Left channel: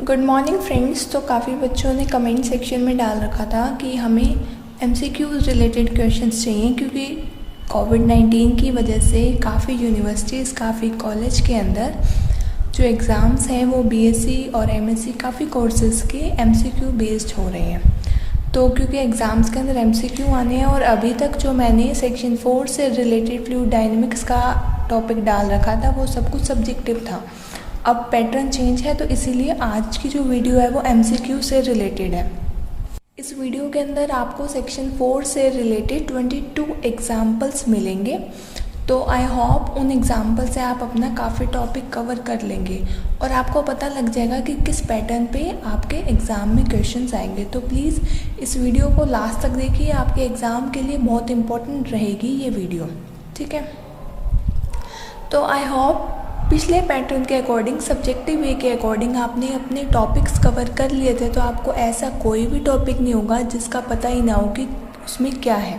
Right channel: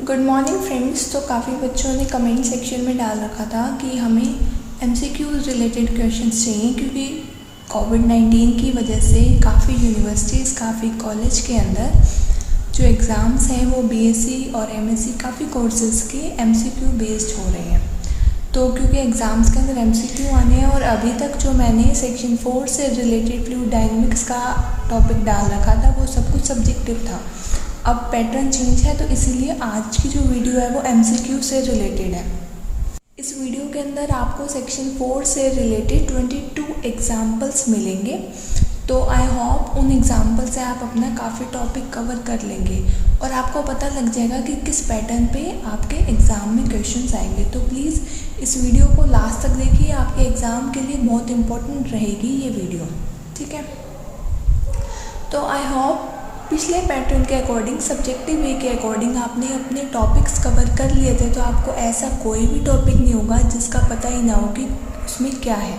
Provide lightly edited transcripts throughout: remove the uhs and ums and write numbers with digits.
Good morning friends. तो काफ़ी बच्चों ने कमेंट सेक्शन में डाल रखा था कि हमें MCQs रिलेटेड क्वेश्चंस चाहिए, क्योंकि कोविड-19 की वजह से काफ़ी यूनिवर्सिटीज़, काफ़ी कॉलेज के अंदर जो एग्ज़ाम्स हैं वो BSc और MSc काफ़ी कोर्सेज़ के MCQ बेस्ड हो रहे हैं। तो क्योंकि एग्ज़ाम्स के अंदर MCQ आने हैं और अभी तक जो मैंने सेक्शन 4 से रिलेटेड फ्लूइड डायनेमिक्स का टॉपिक डाल रखा था वो सब कुछ सब्जेक्टिव था। अब पैटर्न चेंज है, तो इसीलिए आज की जो वीडियो है वो MCQ से रिलेटेड है। इस वीडियो के अंदर आपको सेक्शन 4 से रिलेटेड 22 एग्जाम्पल्स मिलेंगे। तो आई होप उन एग्जाम्पल से आप अपना काफ़ी टॉपिक कवर कर लेंगे और आपको पता लग जाएगा कि किस पैटर्न पे आपके एग्ज़ाम में क्वेश्चंस आएंगे। तो प्लीज़ इस वीडियो को लास्ट तक देखिए, आपके एग्ज़ाम के लिए बहुत इम्पोर्टेंट रहेगी ये वीडियो, ठीक है। तो आई होप पिछले पैटर्न के अकॉर्डिंग, सब्जेक्टिव वे के अकॉर्डिंग आपने अपने टॉपिक्स कवर कर लिए थे, तो आपको ऐसा कोई भी टॉपिक नहीं होगा जिसका पता ही ना हो कि उसमें क्या है।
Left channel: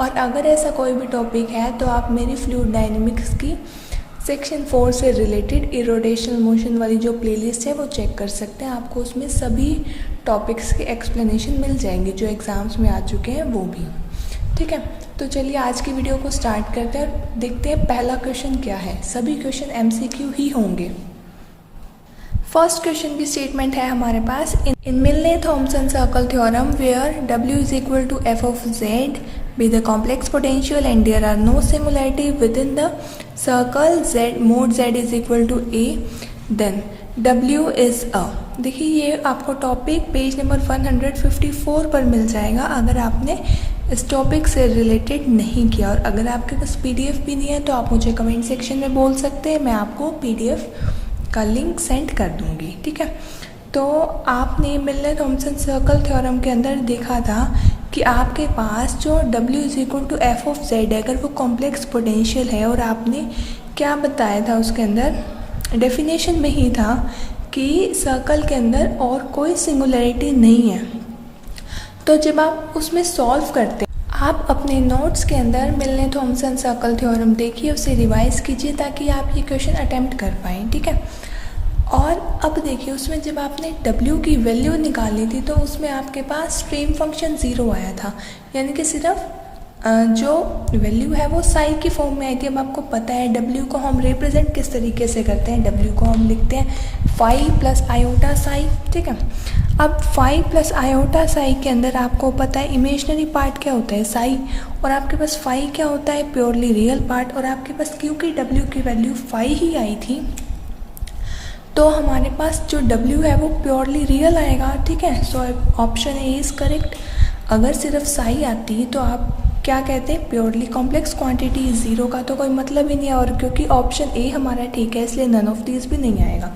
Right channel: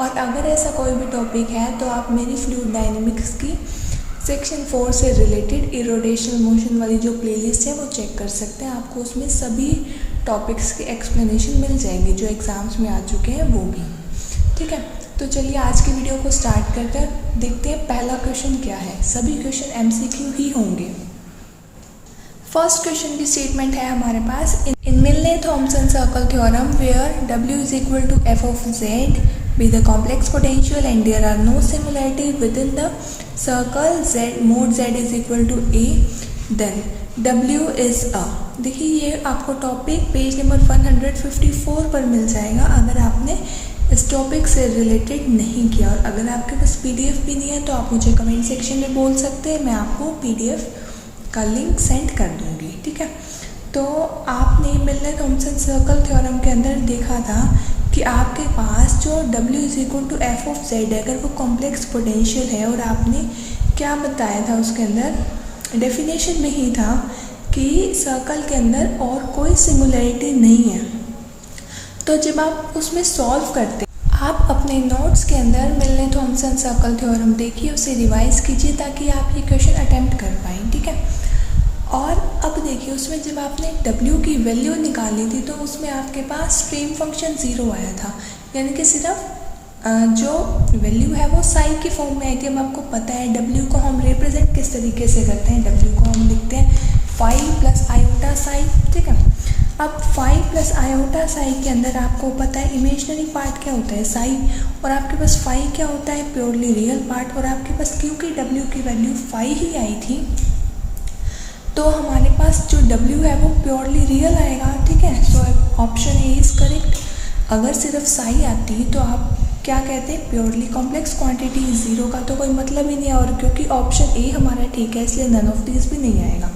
और अगर ऐसा कोई भी टॉपिक है तो आप मेरी फ्लूइड डायनेमिक्स की सेक्शन 4 से रिलेटेड इरोटेशनल मोशन वाली जो प्लेलिस्ट है वो चेक कर सकते हैं। आपको उसमें सभी टॉपिक्स के एक्सप्लेनेशन मिल जाएंगे जो एग्ज़ाम्स में आ चुके हैं वो भी, ठीक है। तो चलिए आज की वीडियो को स्टार्ट करते हैं, देखते हैं पहला क्वेश्चन क्या है। सभी क्वेश्चन MCQ ही होंगे। फर्स्ट क्वेश्चन की स्टेटमेंट है हमारे पास, in Milne Thomson circle theorem where W is equal to f of z be the complex potential and there are no similarity within the circle z mod z is equal to a then W is a। देखिए ये आपको topic page number 154 पर मिल जाएगा अगर आपने इस topic से related नहीं किया। और अगर आपके पास PDF भी नहीं है तो आप मुझे कमेंट सेक्शन में बोल सकते हैं, मैं आपको PDF का लिंक सेंड कर दूंगी, ठीक है। तो आपने मिलने-थॉम्पसन सर्कल थ्योरम के अंदर देखा था कि आपके पास जो W is equal to f of z है, अगर वो कॉम्प्लेक्स पोटेंशियल है, और आपने क्या बताया था उसके अंदर डेफिनेशन में ही था कि सर्कल के अंदर और कोई सिंगुलरिटी नहीं है। तो जब आप उसमें सॉल्व करते हैं, आप अपने नोट्स के अंदर मिलने-थॉम्पसन सर्कल थ्योरम देखिए, उसे रिवाइज कीजिए ताकि आप ये क्वेश्चन अटेम्प्ट कर पाएँ, ठीक है। और अब देखिए उसमें जब आपने W की वैल्यू निकाली थी तो उसमें आपके पास स्ट्रीम फंक्शन 0 आया था, यानी कि सिर्फ जो वैल्यू है वो साई की फॉर्म में आई थी। अब आपको पता है W को हम रिप्रेजेंट किस तरीके से करते हैं, W को हम लिखते हैं फाई प्लस आयोटा साई, ठीक है। अब फाई प्लस आयोटा साई के अंदर आपको पता है इमेजिनरी पार्ट क्या होता है साई, और आपके पास फाई क्या होता है प्योरली रियल पार्ट। और आपके पास क्योंकि W की वैल्यू फाई ही आई थी तो हमारे पास जो W है वो प्योरली रियल आएगा, ठीक है। So option A is correct. अगर सिर्फ साई आती है तो आप क्या कहते हैं प्योरली कॉम्प्लेक्स क्वांटिटी, 0 का तो कोई मतलब ही नहीं है। और क्योंकि ऑप्शन ए हमारा ठीक है इसलिए नन ऑफ दीज भी नहीं आएगा।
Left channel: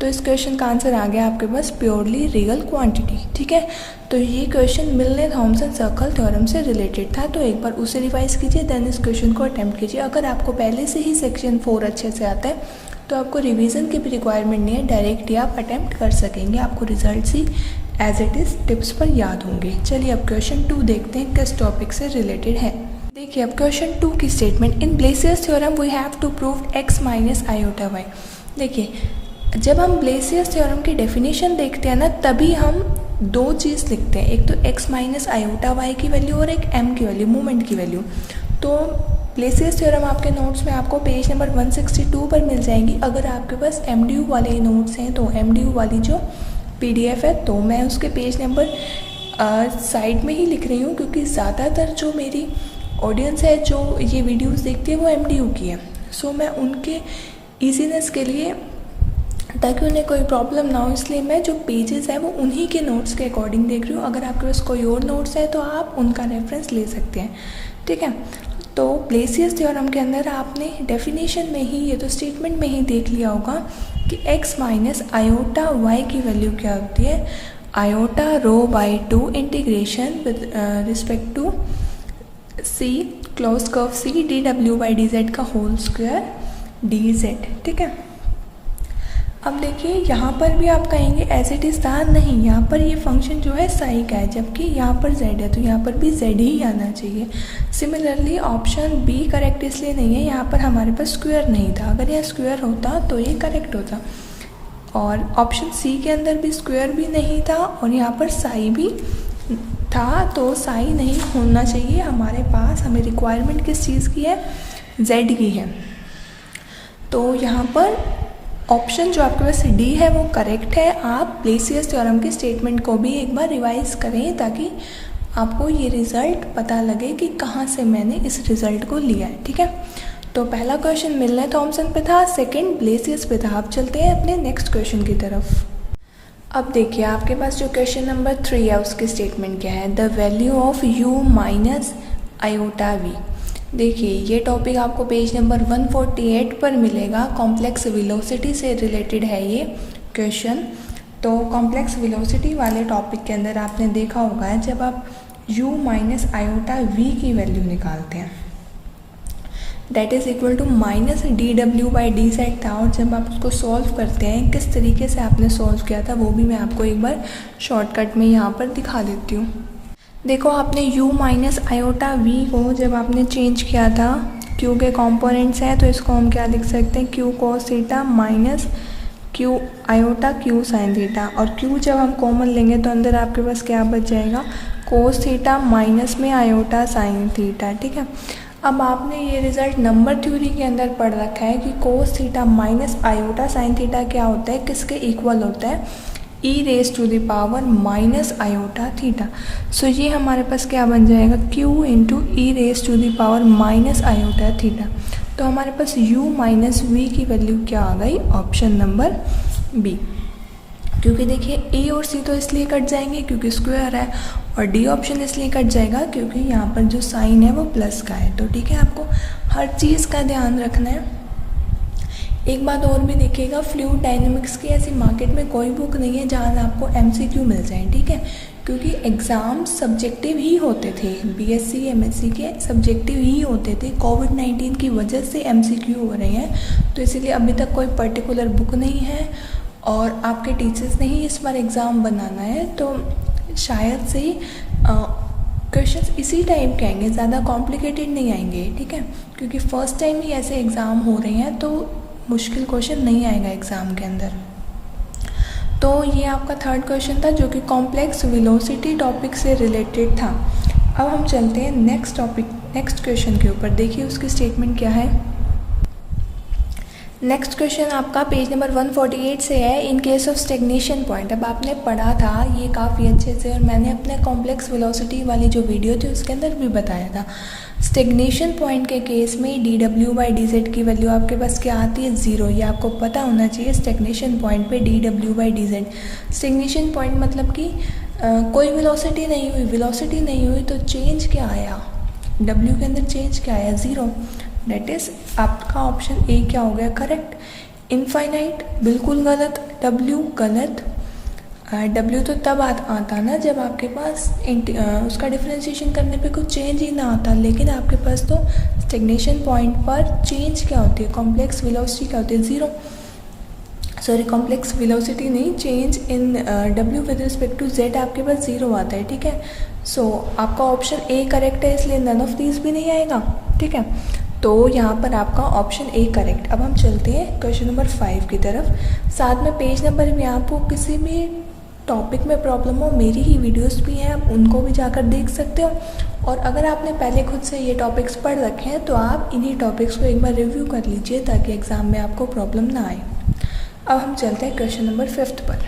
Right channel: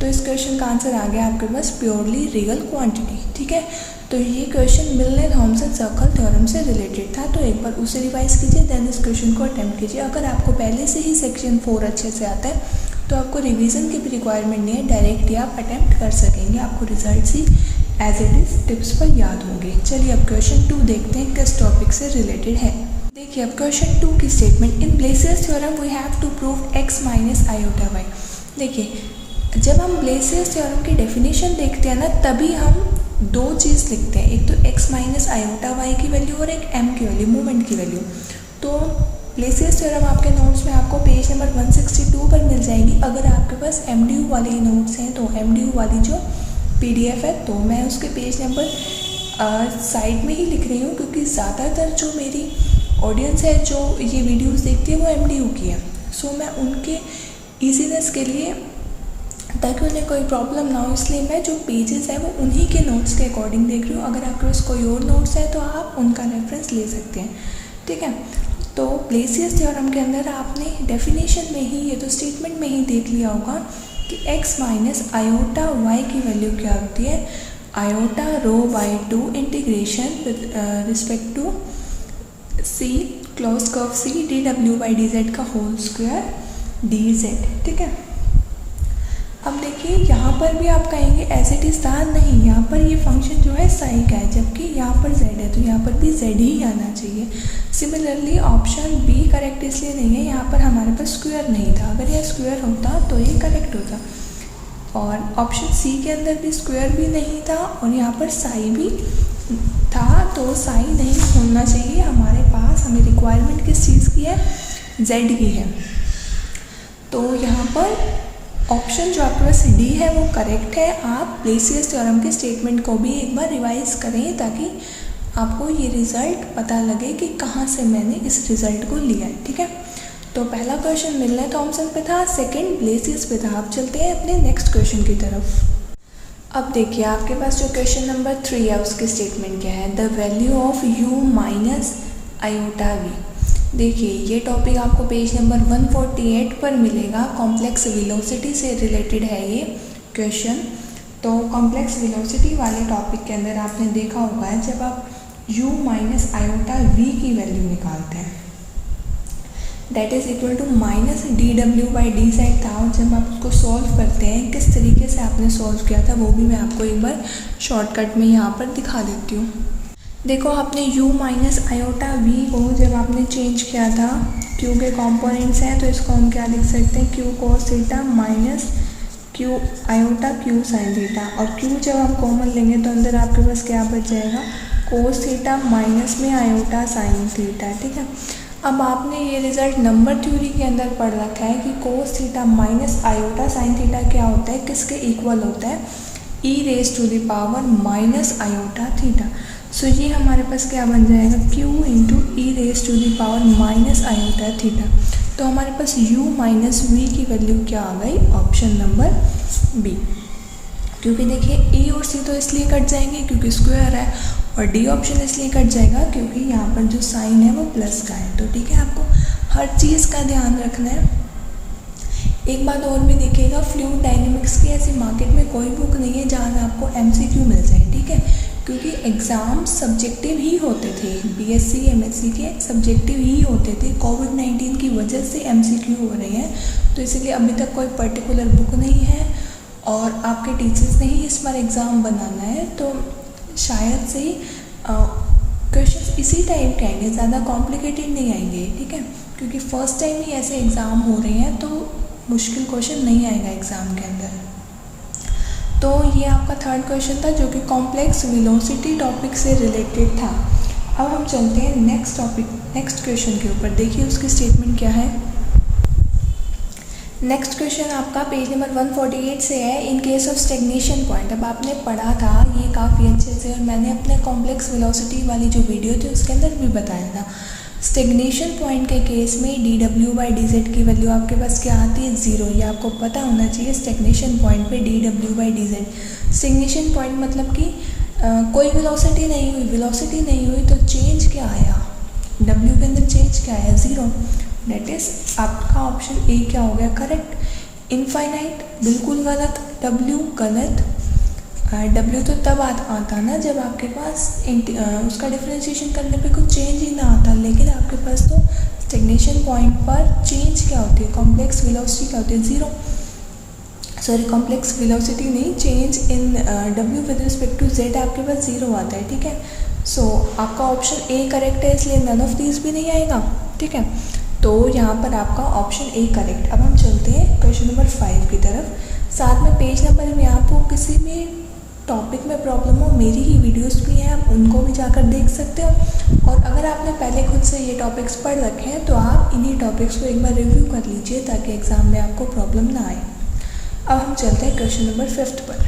तो इस क्वेश्चन का आंसर आ गया आपके पास प्योरली रियल क्वांटिटी, ठीक है। तो ये क्वेश्चन मिलने-थॉम्पसन सर्कल थ्योरम से रिलेटेड था, तो एक बार उसे रिवाइज कीजिए, देन इस क्वेश्चन को अटेम्प्ट कीजिए। अगर आपको पहले से ही सेक्शन 4 अच्छे से आता है तो आपको रिवीजन की भी रिक्वायरमेंट नहीं है, डायरेक्ट ही आप अटेम्प्ट कर सकेंगे, आपको रिजल्ट्स ही एज इट इज़ टिप्स पर याद होंगे। चलिए अब क्वेश्चन 2 देखते हैं किस टॉपिक से रिलेटेड है। देखिए अब क्वेश्चन 2 की statement, in Blasius theorem we have to prove x minus iota y। देखिए जब हम ब्लेसियस थ्योरम की डेफिनेशन देखते हैं ना, तभी हम दो चीज़ लिखते हैं, एक तो x माइनस आयोटा y की वैल्यू और एक m की वैल्यू, मोमेंट की वैल्यू। तो ब्लेसियस थ्योरम आपके नोट्स में आपको पेज नंबर 162 पर मिल जाएंगी। अगर आपके पास MDU वाले नोट्स हैं तो MDU वाली जो PDF है, तो मैं उसके पेज नंबर साइड में ही लिख रही हूँ, क्योंकि ज़्यादातर जो मेरी ऑडियंस है जो ये वीडियोस देखती है वो MDU की है। सो मैं उनके ईजीनेस के लिए, ताकि उन्हें कोई प्रॉब्लम ना हो, इसलिए मैं जो पेजेस है वो उन्हीं के नोट्स के अकॉर्डिंग देख रही हूँ। अगर आपके पास कोई और नोट्स है तो आप उनका रेफरेंस ले सकते हैं, ठीक है। तो ब्लेसियस थ्योरम के अंदर आपने डेफिनेशन में ही, ये तो स्टेटमेंट में ही देख लिया होगा कि x माइनस आयोटा y की वैल्यू क्या होती है, iota rho by 2 integration with respect to c close curve c dw by dz का होल स्क्वायर dz, ठीक है। अब देखिए यहाँ पर भी आप कहेंगे एज इट इज़ था, नहीं, यहाँ पर ये फंक्शन जो है साई का है, जबकि यहाँ पर z है तो यहाँ पर भी z ही आना चाहिए। सिमिलरली ऑप्शन बी करेक्ट इसलिए नहीं है, यहाँ पर हमारे पास स्क्वायर नहीं था, अगर यह स्क्वायर होता तो ये करेक्ट होता। और ऑप्शन सी के अंदर भी स्क्वायर भी नहीं था और यहाँ पर साई भी था, तो साई नहीं होना चाहिए हमारे पास। हमें रिक्वायरमेंट किस चीज़ की है, जेड की है। तो यहाँ पर ऑप्शन जो आपके पास डी है वो करेक्ट है। आप ब्लेसियस थ्योरम के स्टेटमेंट को भी एक बार रिवाइज करें ताकि आपको ये रिज़ल्ट पता लगे कि कहाँ से मैंने इस रिज़ल्ट को लिया है, ठीक है। तो पहला क्वेश्चन मिलने थॉमसन पे था, सेकंड ब्लेसियस पे था। अब चलते हैं अपने नेक्स्ट क्वेश्चन की तरफ। अब देखिए आपके पास जो क्वेश्चन नंबर 3 है उसकी स्टेटमेंट क्या है, the value of u minus iota v। देखिए ये टॉपिक आपको पेज नंबर 148 पर मिलेगा। कॉम्प्लेक्स वेलोसिटी से रिलेटेड है ये क्वेश्चन। तो कॉम्प्लेक्स वेलोसिटी वाले टॉपिक के अंदर आपने देखा होगा जब आप u माइनस आयोटा v की वैल्यू निकालते हैं that is equal to minus dw/dz था, और जब आप उसको सॉल्व करते हैं किस तरीके से आपने सॉल्व किया था वो भी मैं आपको एक बार शॉर्टकट में यहाँ पर दिखा देती हूँ। देखो आपने u माइनस आयोटा v को जब आपने चेंज किया था, q के कंपोनेंट्स हैं तो इसको हम क्या लिख सकते हैं, q cos theta minus q iota q sine theta, और q जब हम कॉमन लेंगे तो अंदर आपके पास क्या बच जाएगा, cos थीटा माइनस में आयोटा साइन थीटा, ठीक है। अब आपने ये रिजल्ट नंबर थ्योरी के अंदर पढ़ रखा है कि cos theta minus iota sine theta क्या होता है, किसके इक्वल होता है, e raise to the power minus iota theta. So ये हमारे पास क्या बन जाएगा, q into e raise to the power minus iota theta. तो हमारे पास u माइनस v की वैल्यू क्या आ गई, ऑप्शन नंबर बी। क्योंकि देखिए a और c तो इसलिए कट जाएंगे क्योंकि स्क्वायर है, और डी ऑप्शन इसलिए कट जाएगा क्योंकि यहाँ पर जो साइन है वो प्लस का है। तो ठीक है, आपको हर चीज़ का ध्यान रखना है। एक बात और भी देखिएगा, फ्लूइड डायनेमिक्स की ऐसी मार्केट में कोई बुक नहीं है जहाँ में आपको एमसीक्यू मिल जाए, ठीक है। क्योंकि एग्ज़ाम सब्जेक्टिव ही होते थे, बीएससी एमएससी के सब्जेक्टिव ही होते थे। कोविड-19 की वजह से एमसीक्यू हो रहे हैं, तो इसीलिए अभी तक कोई पर्टिकुलर बुक नहीं है और आपके टीचर्स ने ही इस बार एग्ज़ाम बनाना है। तो शायद से ही क्वेश्चंस इसी टाइप के आएंगे, ज़्यादा कॉम्प्लिकेटेड नहीं आएंगे, ठीक है। क्योंकि फर्स्ट टाइम ही ऐसे एग्ज़ाम हो रहे हैं तो मुश्किल क्वेश्चन नहीं आएगा एग्ज़ाम के अंदर। तो ये आपका थर्ड क्वेश्चन था जो कि कॉम्प्लेक्स वेलोसिटी टॉपिक से रिलेटेड था। अब हम चलते हैं नेक्स्ट टॉपिक, नेक्स्ट क्वेश्चन के ऊपर। देखिए उसकी स्टेटमेंट क्या है। नेक्स्ट क्वेश्चन आपका पेज नंबर 148 से है, in case of stagnation point. अब आपने पढ़ा था ये काफ़ी अच्छे से, और मैंने अपने कॉम्प्लेक्स वेलोसिटी वाली जो वीडियो थी उसके अंदर भी बताया था। स्टेग्नेशन पॉइंट के केस में dw/dz की वैल्यू आपके पास क्या आती है, 0। ये आपको पता होना चाहिए। स्टेग्नेशन पॉइंट पे dw/dz, स्टेग्नेशन पॉइंट मतलब कि कोई वेलोसिटी नहीं हुई, वेलोसिटी नहीं हुई तो चेंज क्या आया, w के अंदर चेंज क्या आया, 0। दैट इज आपका ऑप्शन ए क्या हो गया, करेक्ट। इनफाइनाइट बिल्कुल गलत, w गलत। w तो तब आता ना जब आपके पास उसका डिफरेंशिएशन करने पे कुछ चेंज ही ना आता, लेकिन आपके पास तो स्टेग्नेशन पॉइंट पर चेंज क्या होती है, कॉम्प्लेक्स वेलोसिटी क्या होती है, 0। सॉरी, कॉम्प्लेक्स वेलोसिटी नहीं, change in w with respect to z आपके पास 0 आता है, ठीक है। सो आपका ऑप्शन ए करेक्ट है, इसलिए नन ऑफ दीज भी नहीं आएगा, ठीक है। तो यहाँ पर आपका ऑप्शन ए करेक्ट। अब हम चलते हैं क्वेश्चन नंबर 5 की तरफ। साथ में पेज नंबर में आपको किसी भी टॉपिक में प्रॉब्लम हो, मेरी ही वीडियोस भी हैं, आप उनको भी जाकर देख सकते हो। और अगर आपने पहले खुद से ये टॉपिक्स पढ़ रखे हैं तो आप इन्हीं टॉपिक्स को एक बार रिव्यू कर लीजिए ताकि एग्ज़ाम में आपको प्रॉब्लम ना आए। अब हम चलते हैं क्वेश्चन नंबर 5 पर।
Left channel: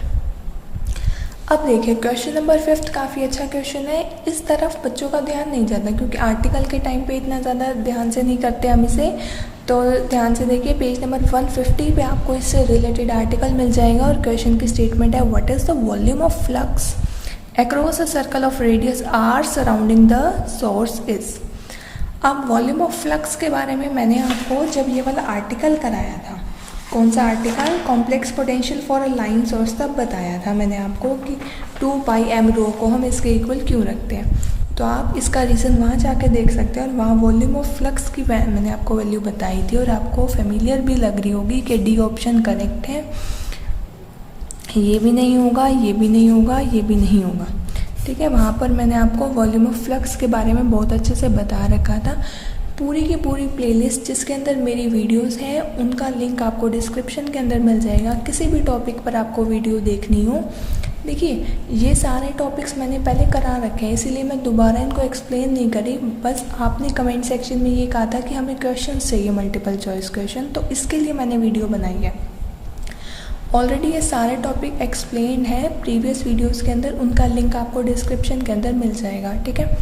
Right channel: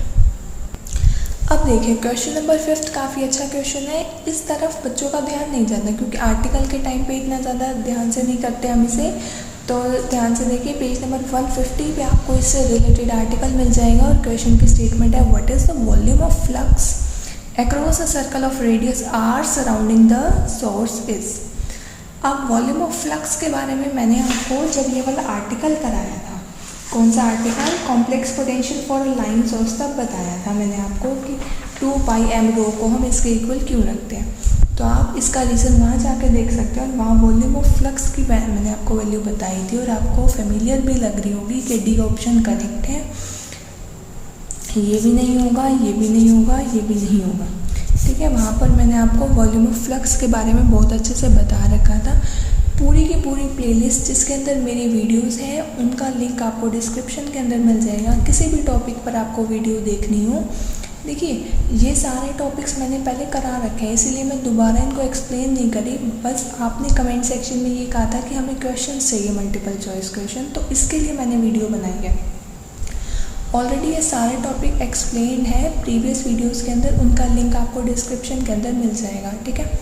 अब देखिए क्वेश्चन नंबर 5 काफ़ी अच्छा क्वेश्चन है। इस तरफ बच्चों का ध्यान नहीं जाता क्योंकि आर्टिकल के टाइम पे इतना ज़्यादा ध्यान से नहीं करते हम इसे। तो ध्यान से देखिए, पेज नंबर 150 पे आपको इससे रिलेटेड आर्टिकल मिल जाएगा और क्वेश्चन की स्टेटमेंट है, what is the volume of flux across a circle of radius r surrounding the source is. अब वॉल्यूम ऑफ फ्लक्स के बारे में मैंने आपको जब ये वाला आर्टिकल कराया था, कौन सा article, complex potential for a line source, तब बताया था मैंने आपको कि 2πm ρ को हम इसके इक्वल क्यों रखते हैं। तो आप इसका रीज़न वहाँ जाके देख सकते हैं, और वहाँ वॉल्यूम ऑफ फ्लक्स की मैंने आपको वैल्यू बताई थी और आपको फेमिलियर भी लग रही होगी कि डी ऑप्शन करेक्ट है। ये भी नहीं होगा, ये भी नहीं होगा, ये भी नहीं होगा, ठीक है। वहाँ पर मैंने आपको वॉल्यूम ऑफ फ्लक्स के बारे में बहुत अच्छे से बता रखा था। पूरी की पूरी प्लेलिस्ट जिसके अंदर मेरी वीडियोस हैं उनका लिंक आपको डिस्क्रिप्शन के अंदर मिल जाएगा। किसी भी टॉपिक पर आपको वीडियो देखनी हो, देखिए ये सारे टॉपिक्स मैंने पहले करा रखे हैं, इसीलिए मैं दोबारा इनको एक्सप्लेन नहीं करी। बस आपने कमेंट सेक्शन में ये कहा था कि हमें क्वेश्चन चाहिए, मल्टीपल चॉइस क्वेश्चन, तो इसके लिए मैंने वीडियो बनाई है। ऑलरेडी ये सारे टॉपिक एक्सप्लेन है प्रीवियस वीडियोस के अंदर, उनका लिंक आपको डिस्क्रिप्शन के अंदर मिल जाएगा, ठीक है।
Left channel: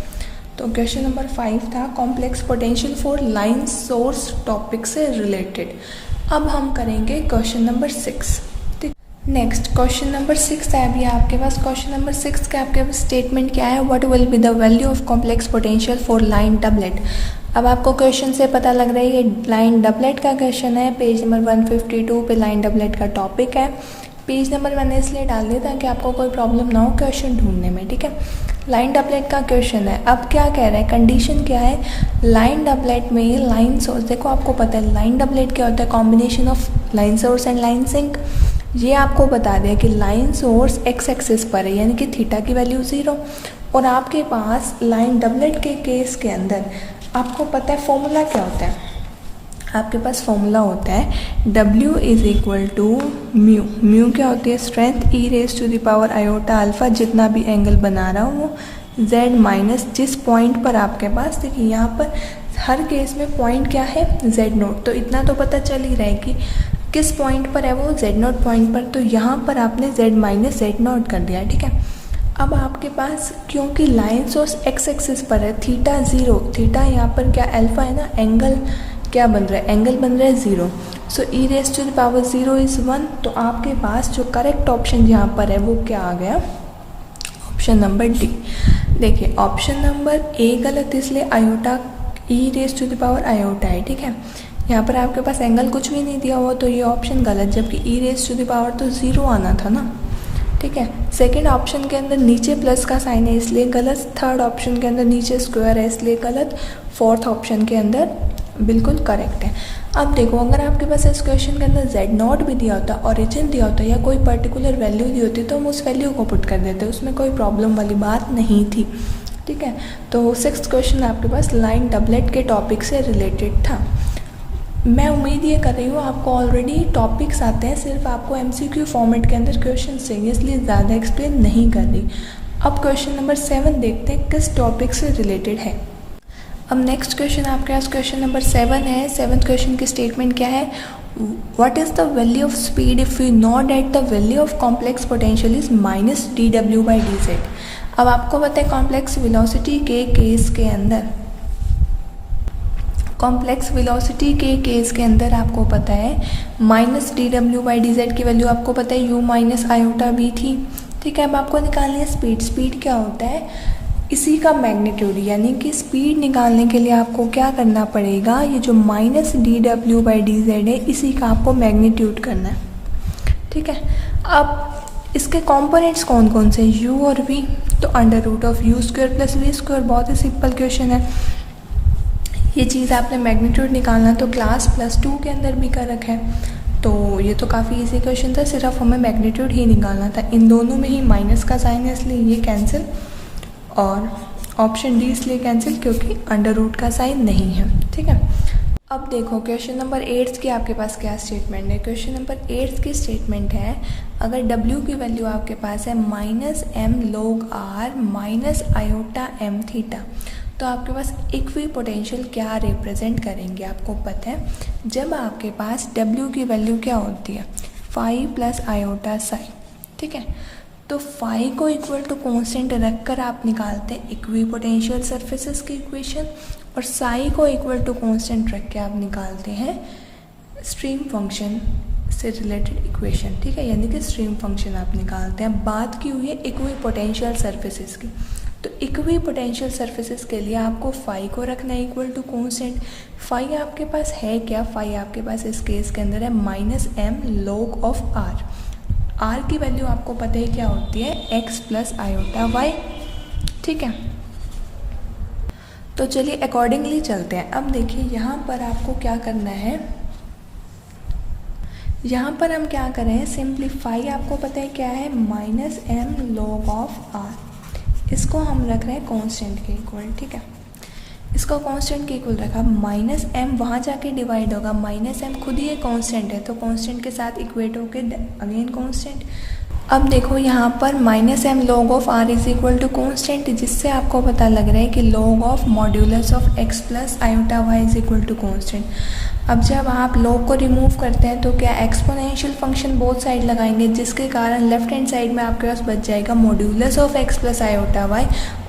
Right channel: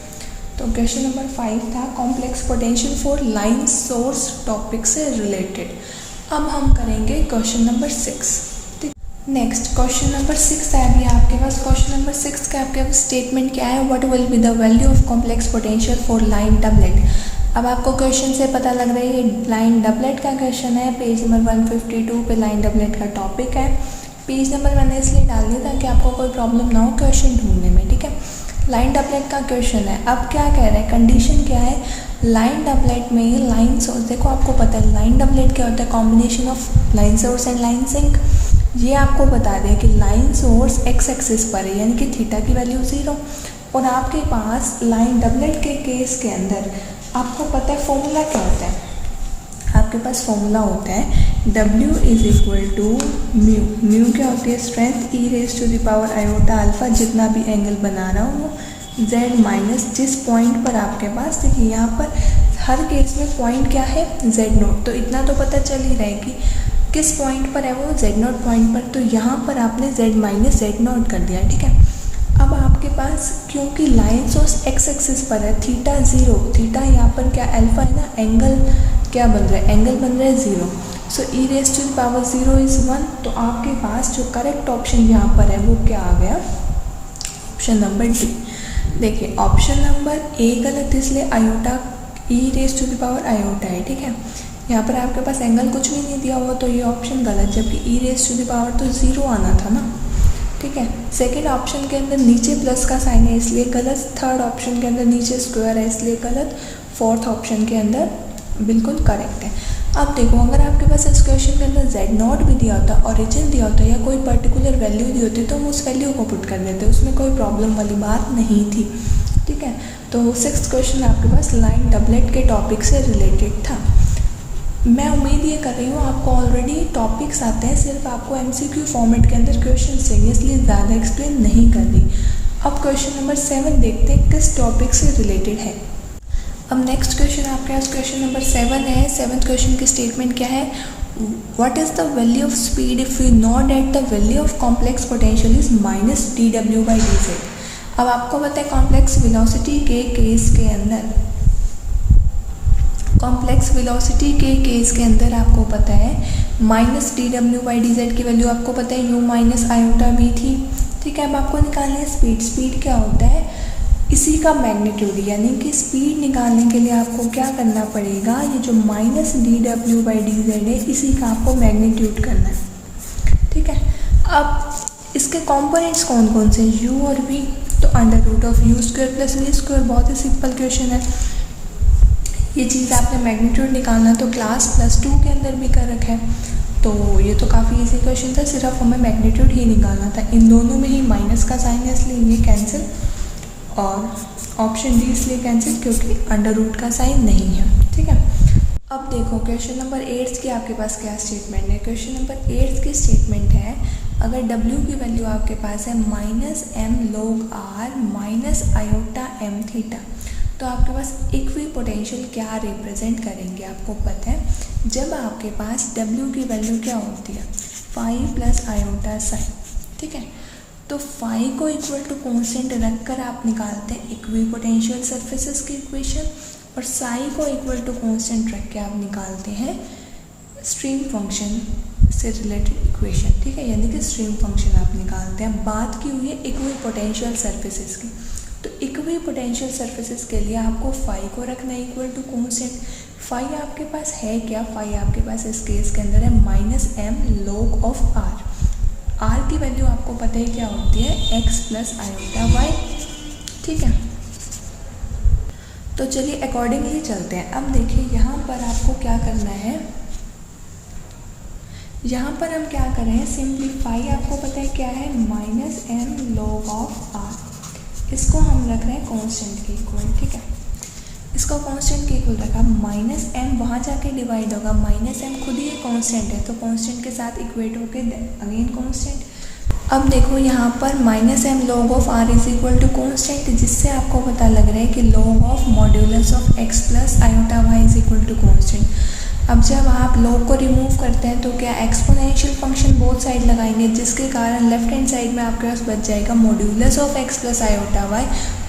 तो क्वेश्चन नंबर 5 था complex potential for line source topic से रिलेटेड। अब हम करेंगे question number 6। Next question number 6 है अभी आपके पास। क्वेश्चन नंबर 6 का आपके पास स्टेटमेंट क्या है, what will be the value of complex potential for line doublet. अब आपको क्वेश्चन से पता लग रहा है ये लाइन डबलेट का क्वेश्चन है, पेज नंबर 152 पे लाइन डबलेट का टॉपिक है। पेज नंबर मैंने इसलिए डाल दिया ताकि आपको कोई प्रॉब्लम ना हो क्वेश्चन ढूंढने में, ठीक है। लाइन डबलेट का क्वेश्चन है। अब क्या कह रहा है, कंडीशन क्या है, लाइन डबलेट में लाइन सोर्स, देखो आपको पता है लाइन डबलेट क्या होता है, combination of line source and line sink. ये आपको बता दिया कि लाइन सोर्स एक्स एक्सिस पर है, यानी कि थीटा की वैल्यू 0, और आपके पास लाइन डबलेट के केस के अंदर आपको पता है फॉर्मूला क्या होता है, आपके पास फॉर्मूला होता है W is equal to mu. Mu क्या होती है, strength e raise to the power iota alpha, जितना भी एंगल बना रहा हूँ वो Z माइनस जिस पॉइंट पर आपके पास, देखिए यहाँ पर हर केस में पॉइंट क्या है Z0, तो इतना तो पता चल ही रहा है कि किस पॉइंट पर है वो Z0 पॉइंट पर, तो यहाँ पर आपने Z माइनस Z0 कर दिया, ठीक है। अब आपके पास क्योंकि लाइन सोर्स एक्स एक्सिस पर है, थीटा 0, थीटा यहाँ पर क्या अल्फा है ना, एंगल क्या बन रहा है, एंगल बन रहा है 0, so e raise to the power 0 is 1। तो आपके पास जो करेक्ट ऑप्शन यहाँ पर है वो क्या आ गया, ऑप्शन नंबर डी। देखिए ऑप्शन नंबर ए गलत, इसलिए iota e raise to the power iota है, ठीक है। यहाँ पर आपके पास एंगल कुछ भी नहीं दिया हुआ, तो ये ऑप्शन गलत, जबकि ई रेज टू द पावर तो 0 आना था ना, ठीक है। सेकेंड ऑप्शन के अंदर नीचे प्लस का साइन है इसलिए गलत, थर्ड ऑप्शन के अंदर नीचे स्क्वायर है इसलिए गलत, फोर्थ ऑप्शन के अंदर बिल्कुल करेक्ट है। अब देखो अगर आपके पास इस क्वेश्चन के अंदर Z0 भी दिया होता, ओरिजिन दिया होता, या कोई पर्टिकुलर वैल्यू दी होती, तो हम उस वैल्यू को पुट कर देते, उसमें कोई प्रॉब्लम वाली बात नहीं थी, ठीक है। तो 6th क्वेश्चन आपके पास लाइन डबलेट के टॉपिक से रिलेटेड था। मैं उम्मीद ये कर रही हूँ आपको ऑलरेडी टॉपिक्स आते हैं, सिर्फ आपको MCQ फॉर्मेट के अंदर क्वेश्चन चाहिए, इसलिए ज़्यादा एक्सप्लेन नहीं कर रही। अब क्वेश्चन नंबर 7 देखते हैं किस टॉपिक से रिलेटेड है। अब नेक्स्ट क्वेश्चन आपके पास क्वेश्चन नंबर 7 है। 7th क्वेश्चन की स्टेटमेंट क्या है, what is the value of speed if you know that the value of complex potential is minus dw/dz। अब आपको पता है कॉम्प्लेक्स वेलोसिटी के केस के अंदर, कॉम्प्लेक्स वेलोसिटी के केस के अंदर आपको पता है माइनस dw/dz की वैल्यू आपको पता है u माइनस आयोटा v थी, ठीक है। अब आपको निकालनी है स्पीड। स्पीड क्या होता है, इसी का मैग्नीट्यूड, यानी कि स्पीड निकालने के लिए आपको क्या करना पड़ेगा, ये जो माइनस dw/dz है इसी का आपको मैग्नीट्यूड करना है, ठीक है। अब इसके कॉम्पोनेंट्स कौन कौन से, u और v, तो under root of u square plus v square, बहुत ही सिंपल क्वेश्चन है। ये चीज़ आपने मैग्नीट्यूड निकालना तो क्लास +2 के अंदर भी कर रखा है, तो ये तो काफ़ी इजी क्वेश्चन था, सिर्फ हमें मैग्नीट्यूड ही निकालना था। इन दोनों में ही माइनस का साइन है इसलिए ये कैंसिल, और ऑप्शन डी इसलिए कैंसिल क्योंकि अंडर रूट का साइन नहीं है, ठीक है। अब देखो क्वेश्चन नंबर 8 की आपके पास क्या स्टेटमेंट है। क्वेश्चन नंबर 8 की स्टेटमेंट है, अगर W की वैल्यू आपके पास है -m log r minus iota m theta, तो आपके पास इक्वी पोटेंशियल क्या रिप्रेजेंट करेंगे। आपको पता है जब आपके पास W की वैल्यू क्या होती है, फाई प्लस आयोटा साइन, ठीक है। तो फाई को इक्वल टू कॉन्स्टेंट रखकर आप निकालते हैं इक्वी पोटेंशियल सरफेसेस की इक्वेशन, और साई को इक्वल टू कॉन्स्टेंट रख के आप निकालते हैं स्ट्रीम फंक्शन से रिलेटेड इक्वेशन, ठीक है। यानी कि स्ट्रीम फंक्शन आप निकालते हैं। बात की हुई है इक्वी पोटेंशियल सरफेसेस की, तो इक्वी पोटेंशियल सरफेसेस के लिए आपको फाई को रखना है इक्वल टू कॉन्स्टेंट। फाई आपके पास है क्या, फाई आपके पास इस केस के अंदर है -m log of r। r की वैल्यू आपको पता है क्या होती है, x प्लस आयोटा y, ठीक है। तो चलिए अकॉर्डिंगली चलते हैं। अब देखिए यहाँ पर आपको क्या करना है, यहाँ पर हम क्या कर रहे हैं, सिंप्लीफाई आपको पता है क्या है, -m log ऑफ r, इसको हम रख रहे हैं कांस्टेंट के इक्वल, ठीक है। इसको कांस्टेंट के इक्वल रखा, माइनस एम वहाँ जाके डिवाइड होगा, माइनस एम खुद ही एक कांस्टेंट है तो कांस्टेंट के साथ इक्वेट होके अगेन कांस्टेंट। अब देखो यहाँ पर minus m log of r is equal to constant, जिससे आपको पता लग रहा है कि log of modulus of x plus iota y is equal to constant. अब जब आप लॉग को रिमूव करते हैं तो क्या एक्सपोनेंशियल फंक्शन बोथ साइड लगाएंगे, जिसके कारण लेफ्ट हैंड साइड में आपके पास बच जाएगा modulus of x plus iota y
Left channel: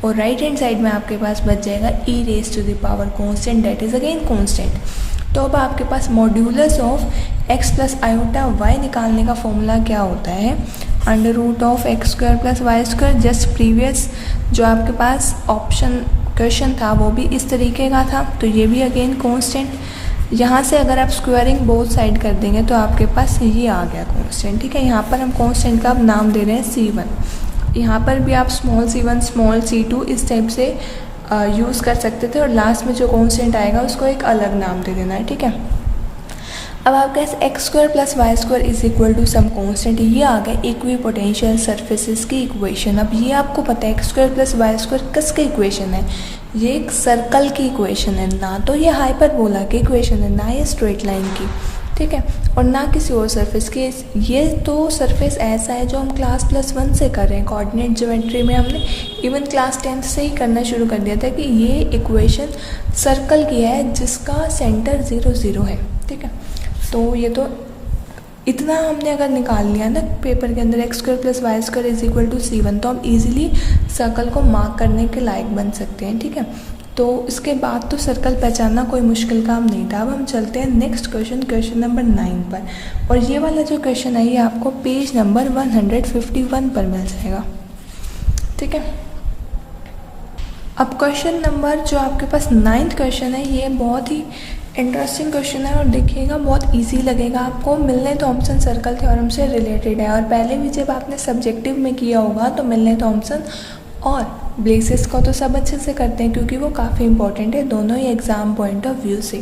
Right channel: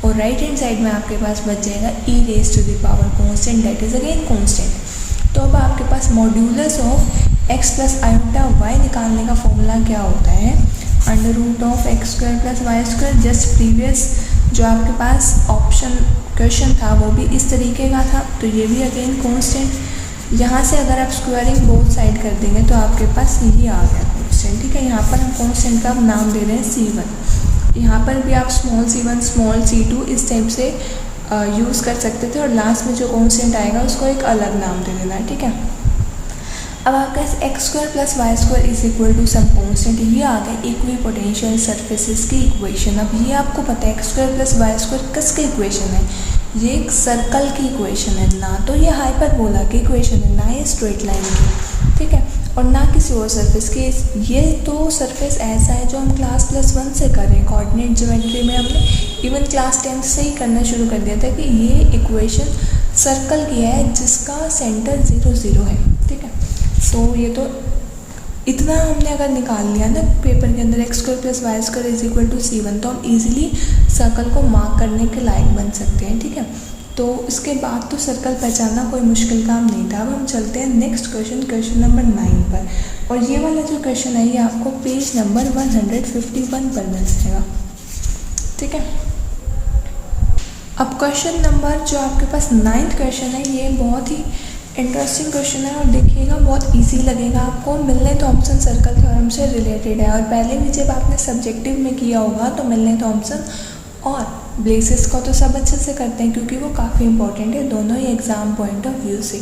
और राइट हैंड साइड में आपके पास बच जाएगा e raise to the power constant that is again constant. तो अब आपके पास modulus of x plus iota y निकालने का फॉर्मूला क्या होता है, under root of x square plus y square. Just previous जो आपके पास ऑप्शन क्वेश्चन था वो भी इस तरीके का था, तो ये भी अगेन कांस्टेंट। यहाँ से अगर आप स्क्वायरिंग बोथ साइड कर देंगे तो आपके पास ये आ गया कांस्टेंट। ठीक है, यहाँ पर हम कांस्टेंट का नाम दे रहे हैं C1। यहाँ पर भी आप स्मॉल c1 स्मॉल c2 इस टाइप से यूज़ कर सकते थे और लास्ट में जो कांस्टेंट आएगा उसको एक अलग नाम दे देना है। ठीक है, अब आपके पास x square plus y square is equal to some constant, ये आ गया इक्विपोटेंशियल सरफेसेस की इक्वेशन। अब ये आपको पता है x square plus y square किसकी इक्वेशन है, ये एक सर्कल की इक्वेशन है, ना तो ये हाइपरबोला की इक्वेशन है, ना ये स्ट्रेट लाइन की। ठीक है, और ना किसी और सरफेस की। ये तो सरफेस ऐसा है जो हम क्लास +1 से कर रहे हैं, कोऑर्डिनेट ज्योमेट्री में हमने इवन क्लास 10th से ही करना शुरू कर दिया था कि ये इक्वेशन सर्कल की है जिसका सेंटर 0 0 है। ठीक है, सो ये तो इतना हमने अगर निकाल लिया ना पेपर के अंदर x square plus y square is equal to C1, तो हम इजीली सर्कल को मार्क करने के लायक बन सकते हैं। ठीक है, तो इसके बाद तो सर्कल पहचानना कोई मुश्किल काम नहीं था। अब हम चलते हैं नेक्स्ट क्वेश्चन, क्वेश्चन नंबर 9 पर, और ये वाला जो क्वेश्चन है ये आपको पेज नंबर 151 पर मिल जाएगा। ठीक है, अब क्वेश्चन नंबर जो आपके पास 9th क्वेश्चन है ये बहुत ही इंटरेस्टिंग क्वेश्चन है और देखिएगा बहुत इजी लगेगा आपको। मिलने थॉम्पसन सर्कल थ्योरम से रिलेटेड है और पहले भी जब आपने सब्जेक्टिव में किया होगा तो मिलने थॉम्पसन और ब्लेसिस को तो सब अच्छे से करते हैं क्योंकि वो काफ़ी इंपॉर्टेंट है दोनों ही एग्जाम पॉइंट ऑफ व्यू से।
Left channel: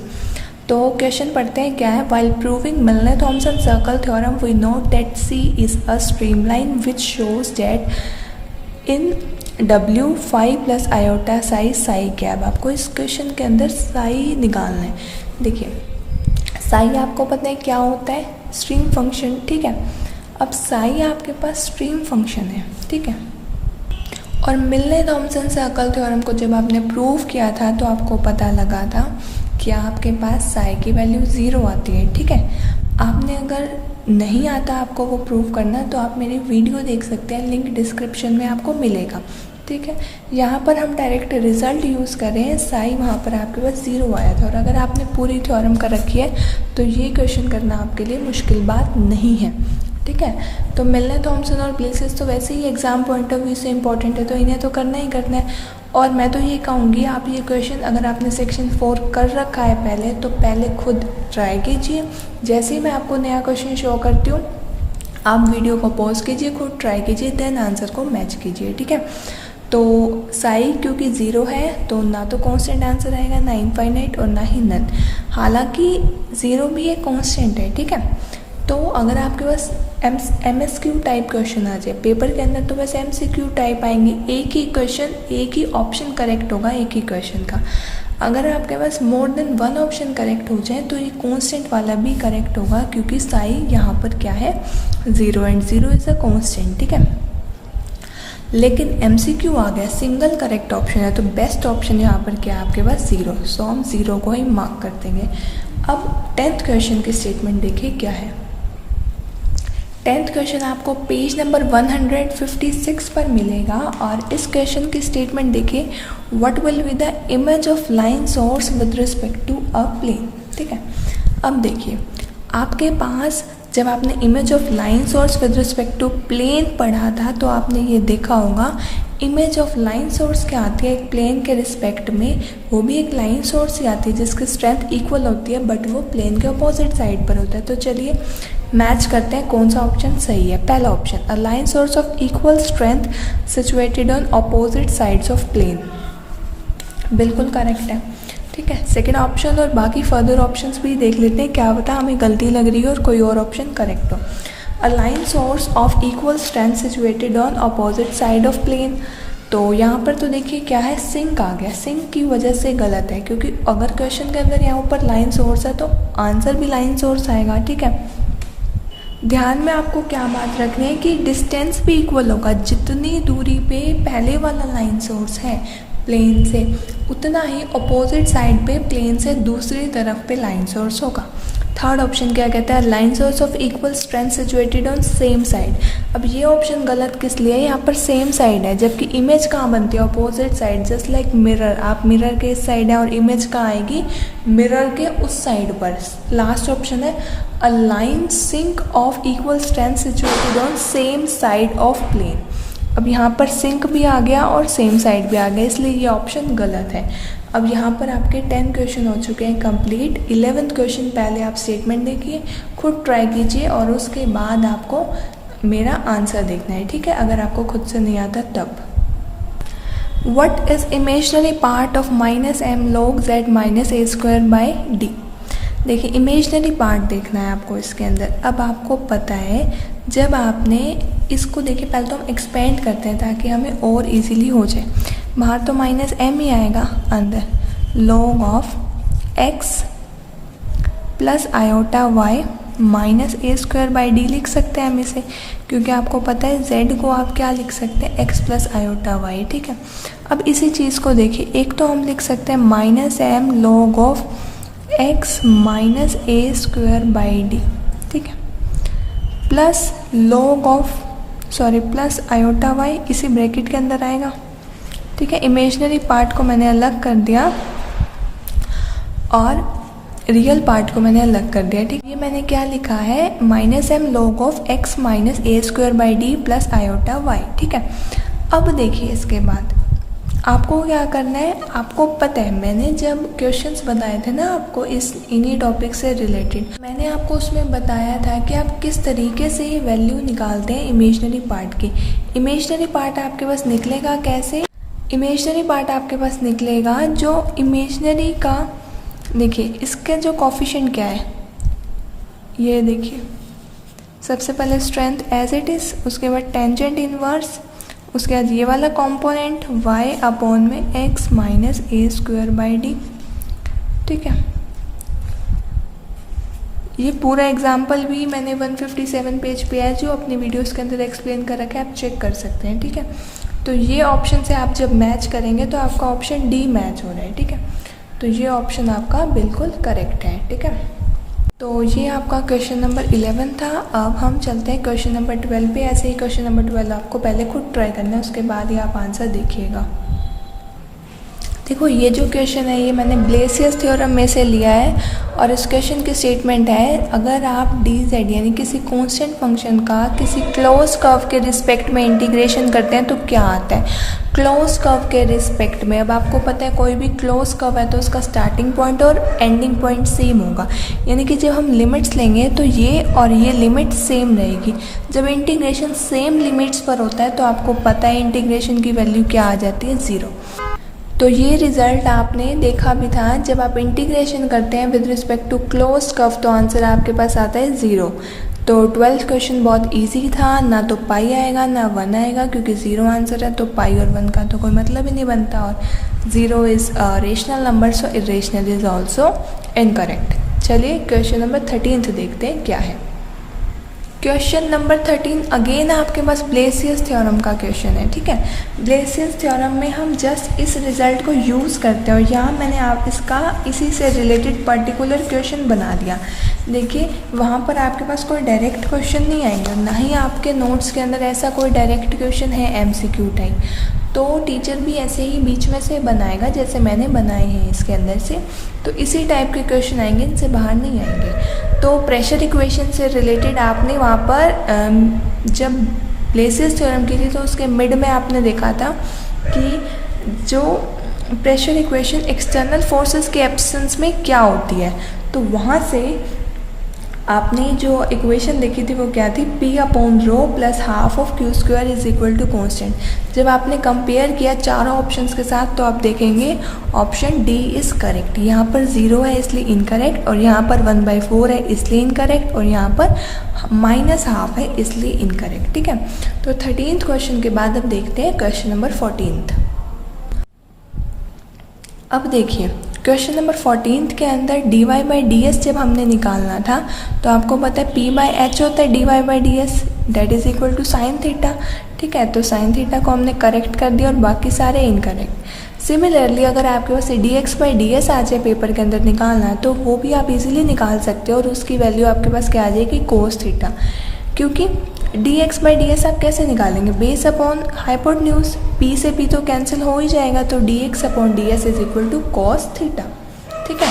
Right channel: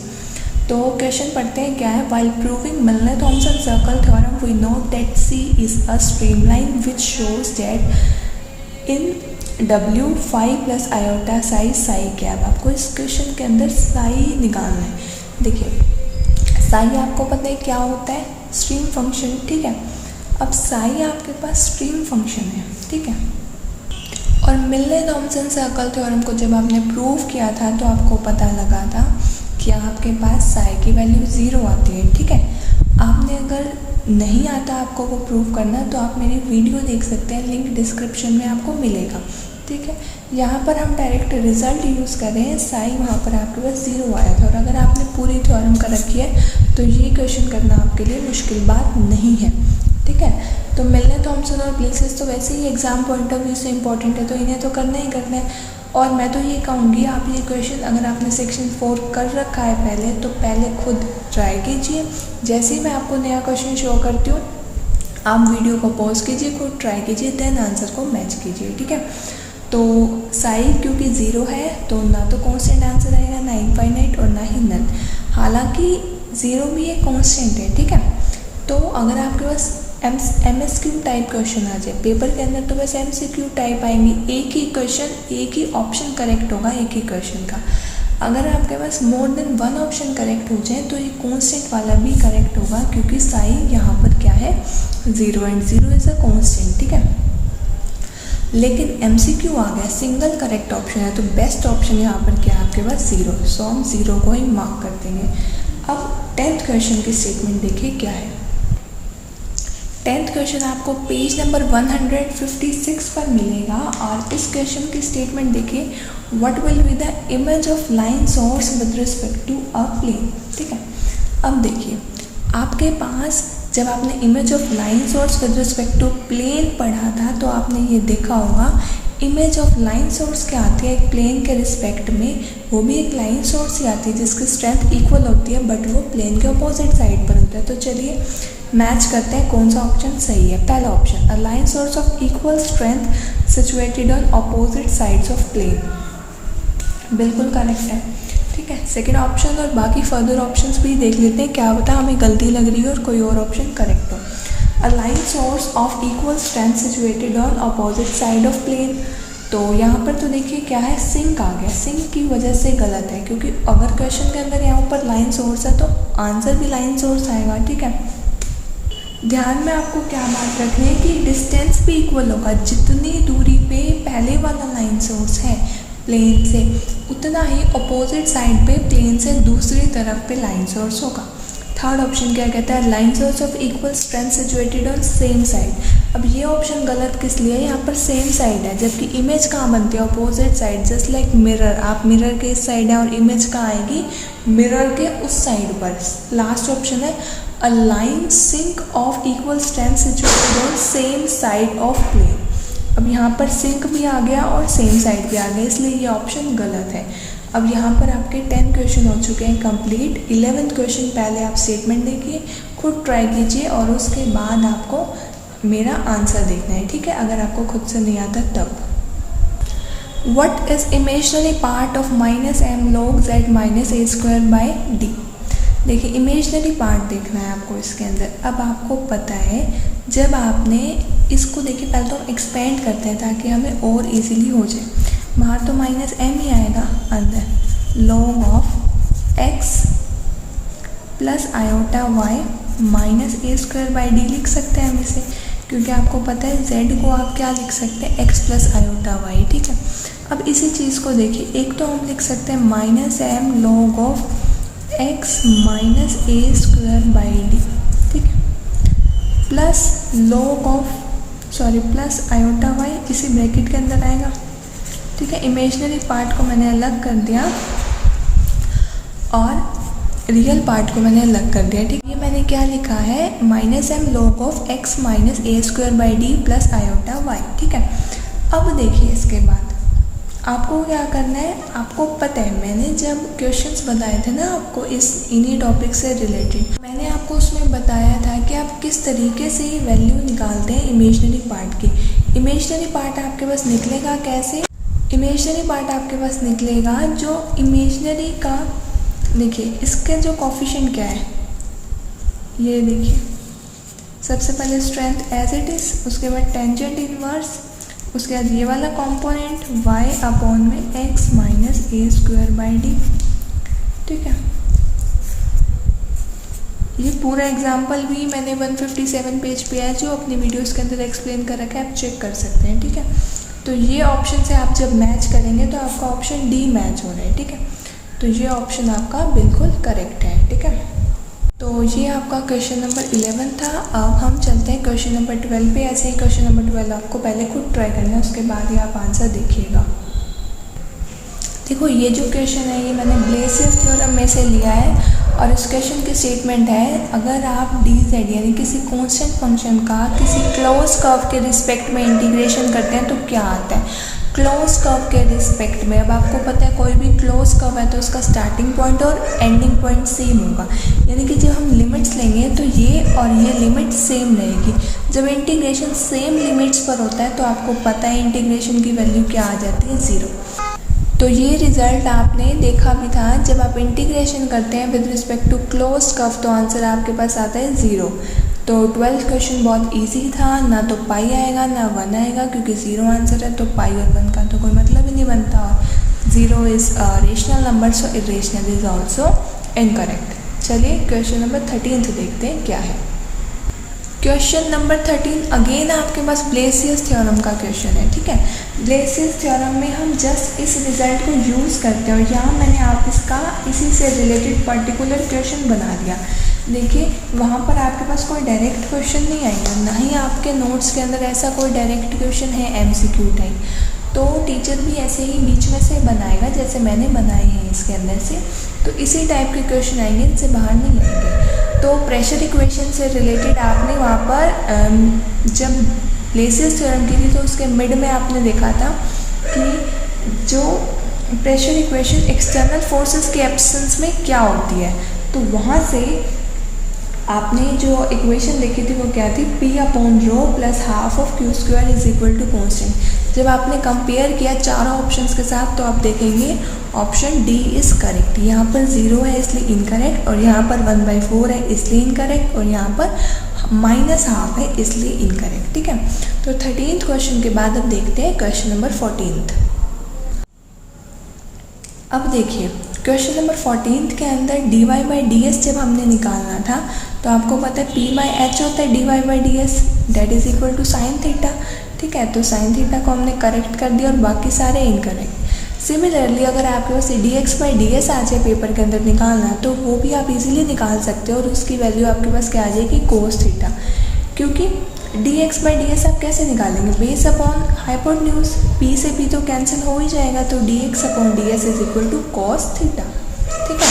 तो क्वेश्चन पढ़ते हैं क्या है, while proving Milne Thomson circle theorem we know that C is a streamline which shows that in W phi plus iota psi psi क्या है। आपको इस क्वेश्चन के अंदर साई निकालना है। देखिए साई आपको पता है क्या होता है, स्ट्रीम फंक्शन। ठीक है, अब साई आपके पास स्ट्रीम फंक्शन है। ठीक है, और मिलने थॉम्पसन सर्कल थ्योरम को जब आपने प्रूव किया था तो आपको पता लगा था कि आपके पास साई की वैल्यू 0 आती है। ठीक है, आपने अगर नहीं आता आपको वो प्रूव करना तो आप मेरी वीडियो देख सकते हैं, लिंक डिस्क्रिप्शन में आपको मिलेगा। ठीक है, यहाँ पर हम डायरेक्ट रिजल्ट यूज़ कर रहे हैं, साई वहाँ पर आपके पास 0 आया था और अगर आपने पूरी थ्योरम कर रखी है तो ये क्वेश्चन करना आपके लिए मुश्किल बात नहीं है। ठीक है, तो मिलने थॉम्पसन और ब्लेसिस तो वैसे ही एग्जाम पॉइंट ऑफ व्यू से इंपॉर्टेंट है तो इन्हें तो करना ही करना है। और मैं तो ये कहूँगी आप ये क्वेश्चन अगर आपने सेक्शन 4 कर रखा है पहले तो पहले खुद ट्राई कीजिए। जैसे ही मैं आपको नया क्वेश्चन शो करती हूँ आप वीडियो को पॉज कीजिए, खुद ट्राई कीजिए, देन आंसर को मैच कीजिए। ठीक है, तो साई क्योंकि 0 है तो ना तो कांस्टेंट आंसर आएगा, ना इनफाइनाइट और ना ही नल। हालांकि 0 भी एक कांस्टेंट है। ठीक है, तो अगर आपके पास MSQ टाइप क्वेश्चन आ जाए पेपर के अंदर तो बस MCQ टाइप आएंगे, एक ही क्वेश्चन एक ही ऑप्शन करेक्ट होगा एक ही क्वेश्चन का। अगर आपके पास मोर देन 1 ऑप्शन करेक्ट हो जाए तो ये कांस्टेंट वाला भी करेक्ट होगा क्योंकि साई यहाँ पर क्या है 0 एंड 0 इज अ कांस्टेंट। ठीक है, लेकिन MCQ आ गया सिंगल करेक्ट ऑप्शन है तो बेस्ट ऑप्शन यहाँ पर क्या है आपके पास 0, सो हम 0 को ही मार्क कर देंगे। अब 10th क्वेश्चन की स्टेटमेंट देखिए क्या है। 10th क्वेश्चन आपको पेज नंबर 156 पर मिलेगा और इस क्वेश्चन की स्टेटमेंट देखिए, what will be the image of line source with respect to a plane. ठीक है, अब देखिए आपके पास जब आपने image of line source with respect to plane पढ़ा था तो आपने ये देखा होगा इमेज ऑफ लाइन सोर्स क्या आती है एक प्लेन के रिस्पेक्ट में, वो भी एक लाइन सोर्स ही आती है जिसकी स्ट्रेंथ इक्वल होती है बट वो प्लेन के अपोजिट साइड पर होता है। तो चलिए मैच करते हैं कौन सा ऑप्शन सही है। पहला option, a line source of equal strength situated on opposite sides of plane, बिल्कुल करेक्ट है। ठीक है, सेकेंड ऑप्शन और बाकी फर्दर ऑप्शंस भी देख लेते हैं, क्या पता हमें गलती लग रही है और कोई और ऑप्शन करेक्ट हो। A line source of equal strength situated on opposite side of plane, तो यहाँ पर तो देखिए क्या है, सिंक आ गया, सिंक की वजह से गलत है, क्योंकि अगर क्वेश्चन के अंदर यहाँ पर लाइन सोर्स है तो आंसर भी लाइन सोर्स आएगा। ठीक है, ध्यान में आपको क्या बात रखनी है कि डिस्टेंस भी इक्वल होगा, जितनी दूरी पे पहले वाला लाइन सोर्स है प्लेन से, उतना ही अपोजिट साइड पे प्लेन से दूसरी तरफ पे लाइन सोर्स होगा। थर्ड ऑप्शन क्या कहता है, line source of equal strength situated on same side. अब ये ऑप्शन गलत किस लिए है, यहाँ पर सेम साइड है, जबकि इमेज कहाँ बनती है, opposite side, just like mirror. आप मिरर के इस साइड है और इमेज कहाँ आएगी, मिरर के उस साइड पर। लास्ट ऑप्शन है a line sink of equal strength situated on same side of plane. अब यहाँ पर सिंक भी आ गया और सेम साइड भी आ गया, इसलिए ये ऑप्शन गलत है। अब यहाँ पर आपके 10 क्वेश्चन हो चुके हैं कंप्लीट। 11th क्वेश्चन पहले आप स्टेटमेंट देखिए, खुद ट्राई कीजिए और उसके बाद आपको मेरा आंसर देखना है। ठीक है, अगर आपको खुद से नहीं आता तब। What is imaginary part of -m log z - a²/d। देखिए इमेजिनरी पार्ट देखना है आपको इसके अंदर। अब आपको पता है, जब आपने इसको देखिए, पहले तो हम एक्सपेंड करते हैं ताकि हमें और इजीली हो जाए। बाहर तो -m ही आएगा, अंदर log of x plus iota y -a²/d लिख सकते हैं हम इसे, क्योंकि आपको पता है z को आप क्या लिख सकते हैं, x प्लस आयोटा y। ठीक है, अब इसी चीज़ को देखिए, एक तो हम लिख सकते हैं -m log of x -a²/d। ठीक है, plus log of plus iota y इसी ब्रैकेट के अंदर आएगा। ठीक है, इमेजिनरी पार्ट को मैंने अलग कर दिया और रियल पार्ट को मैंने अलग कर दिया। ठीक है, ये मैंने क्या लिखा है, -m log of x -a²/d plus iota y। ठीक है, अब देखिए इसके बाद आपको क्या करना है, आपको पता है मैंने जब क्वेश्चंस बताए थे ना आपको इन्हीं टॉपिक से रिलेटेड, मैंने आपको उसमें बताया था कि आप किस तरीके से ये वैल्यू निकालते हैं इमेजिनरी पार्ट की। इमेजिनरी पार्ट आपके पास निकलेगा कैसे, इमेजिनरी पार्ट आपके पास निकलेगा जो इमेजिनरी का, देखिए इसका जो कोफिशिएंट क्या है, ये देखिए सबसे पहले स्ट्रेंथ एज इट इज़, उसके बाद टेंजेंट इनवर्स, उसके बाद ये वाला कंपोनेंट y अपॉन में x -a²/d। ठीक है, ये पूरा एग्जाम्पल भी मैंने 157 पेज पे है जो अपनी वीडियोस के अंदर एक्सप्लेन कर रखा है, आप चेक कर सकते हैं। ठीक है, तो ये ऑप्शन से आप जब मैच करेंगे तो आपका ऑप्शन डी मैच हो रहा है। ठीक है, तो ये ऑप्शन आपका बिल्कुल करेक्ट है। ठीक है, तो ये आपका क्वेश्चन नंबर 11 था। अब हम चलते हैं क्वेश्चन नंबर 12 पे। ऐसे ही क्वेश्चन नंबर 12 आपको पहले खुद ट्राई करना है, उसके बाद ही आप आंसर देखिएगा। देखो ये जो क्वेश्चन है ये मैंने ब्लेसियस थ्योरम में से लिया है और इस क्वेश्चन की स्टेटमेंट है, अगर आप dz यानी किसी कांस्टेंट फंक्शन का किसी क्लोज कर्व के रिस्पेक्ट में इंटीग्रेशन करते हैं तो क्या आता है। क्लोज कर्व के रिस्पेक्ट में, अब आपको पता है कोई भी क्लोज कर्व है तो उसका स्टार्टिंग पॉइंट और एंडिंग पॉइंट सेम होगा, यानी कि जब हम लिमिट्स लेंगे तो ये और ये लिमिट सेम रहेगी। जब इंटीग्रेशन सेम लिमिट्स पर होता है तो आपको पता है इंटीग्रेशन की वैल्यू क्या आ जाती है, 0। तो ये रिजल्ट आपने देखा भी था, जब आप इंटीग्रेशन करते हैं with respect to close curve तो आंसर आपके पास आता है 0। तो 12th क्वेश्चन बहुत इजी था, ना तो पाई आएगा ना 1 आएगा, क्योंकि 0 आंसर है तो पाई और 1 का तो कोई मतलब ही नहीं बनता, और 0 is rational number, so irrational is also incorrect. चलिए क्वेश्चन नंबर 13 देखते हैं क्या है। क्वेश्चन नंबर 13 अगेन आपके पास ब्लेसियस थ्योरम का क्वेश्चन है। ठीक है, ब्लेसियस थ्योरम में हम जस्ट इस रिजल्ट को यूज़ करते हैं और यहाँ मैंने आप इसका इसी से रिलेटेड पर्टिकुलर क्वेश्चन बना दिया। देखिए वहाँ पर आपके पास कोई डायरेक्ट क्वेश्चन नहीं आएगा, ना ही आपके नोट्स के अंदर ऐसा कोई डायरेक्ट क्वेश्चन है MCQ टाइप, तो टीचर भी ऐसे ही बीच में से बनाएगा जैसे मैंने बनाए हैं इसके अंदर से, तो इसी टाइप के क्वेश्चन आएंगे, इनसे बाहर नहीं आएंगे। तो प्रेशर इक्वेशन से रिलेटेड आपने वहाँ पर जब ब्लेसियस थ्योरम की थी तो उसके मिड में आपने देखा था कि जो प्रेशर इक्वेशन एक्सटर्नल फोर्सेस के एब्सेंस में क्या होती है, तो वहाँ से आपने जो इक्वेशन देखी थी वो क्या थी, P/ρ plus half of Q² is equal to constant. जब आपने कंपेयर किया चारों ऑप्शंस के साथ तो आप देखेंगे ऑप्शन डी इज़ करेक्ट। यहाँ पर 0 है इसलिए इनकरेक्ट, और यहाँ पर 1/4 है इसलिए इनकरेक्ट, और यहाँ पर -½ है इसलिए इनकरेक्ट। ठीक है, तो 13th क्वेश्चन के बाद अब देखते हैं क्वेश्चन नंबर 14th। अब देखिए क्वेश्चन नंबर 14th के अंदर dy/ds जब हमने निकालना था तो आपको पता है p/h होता है dy/ds, that is equal to sine theta. ठीक है, तो साइन थीटा को हमने करेक्ट कर दिया और बाकी सारे इनकरेक्ट। सिमिलरली अगर आपके पास dx/ds आ जाए पेपर के अंदर निकालना तो वो भी आप इजीली निकाल सकते हो और उसकी वैल्यू आपके पास क्या आ जाएगी, कोस थीटा। क्योंकि dx/ds आप कैसे निकालेंगे, बेस अपॉन हाइपोटेन्यूज, p से p तो कैंसिल हो ही जाएगा, तो dx/ds is equal to cos theta. ठीक है,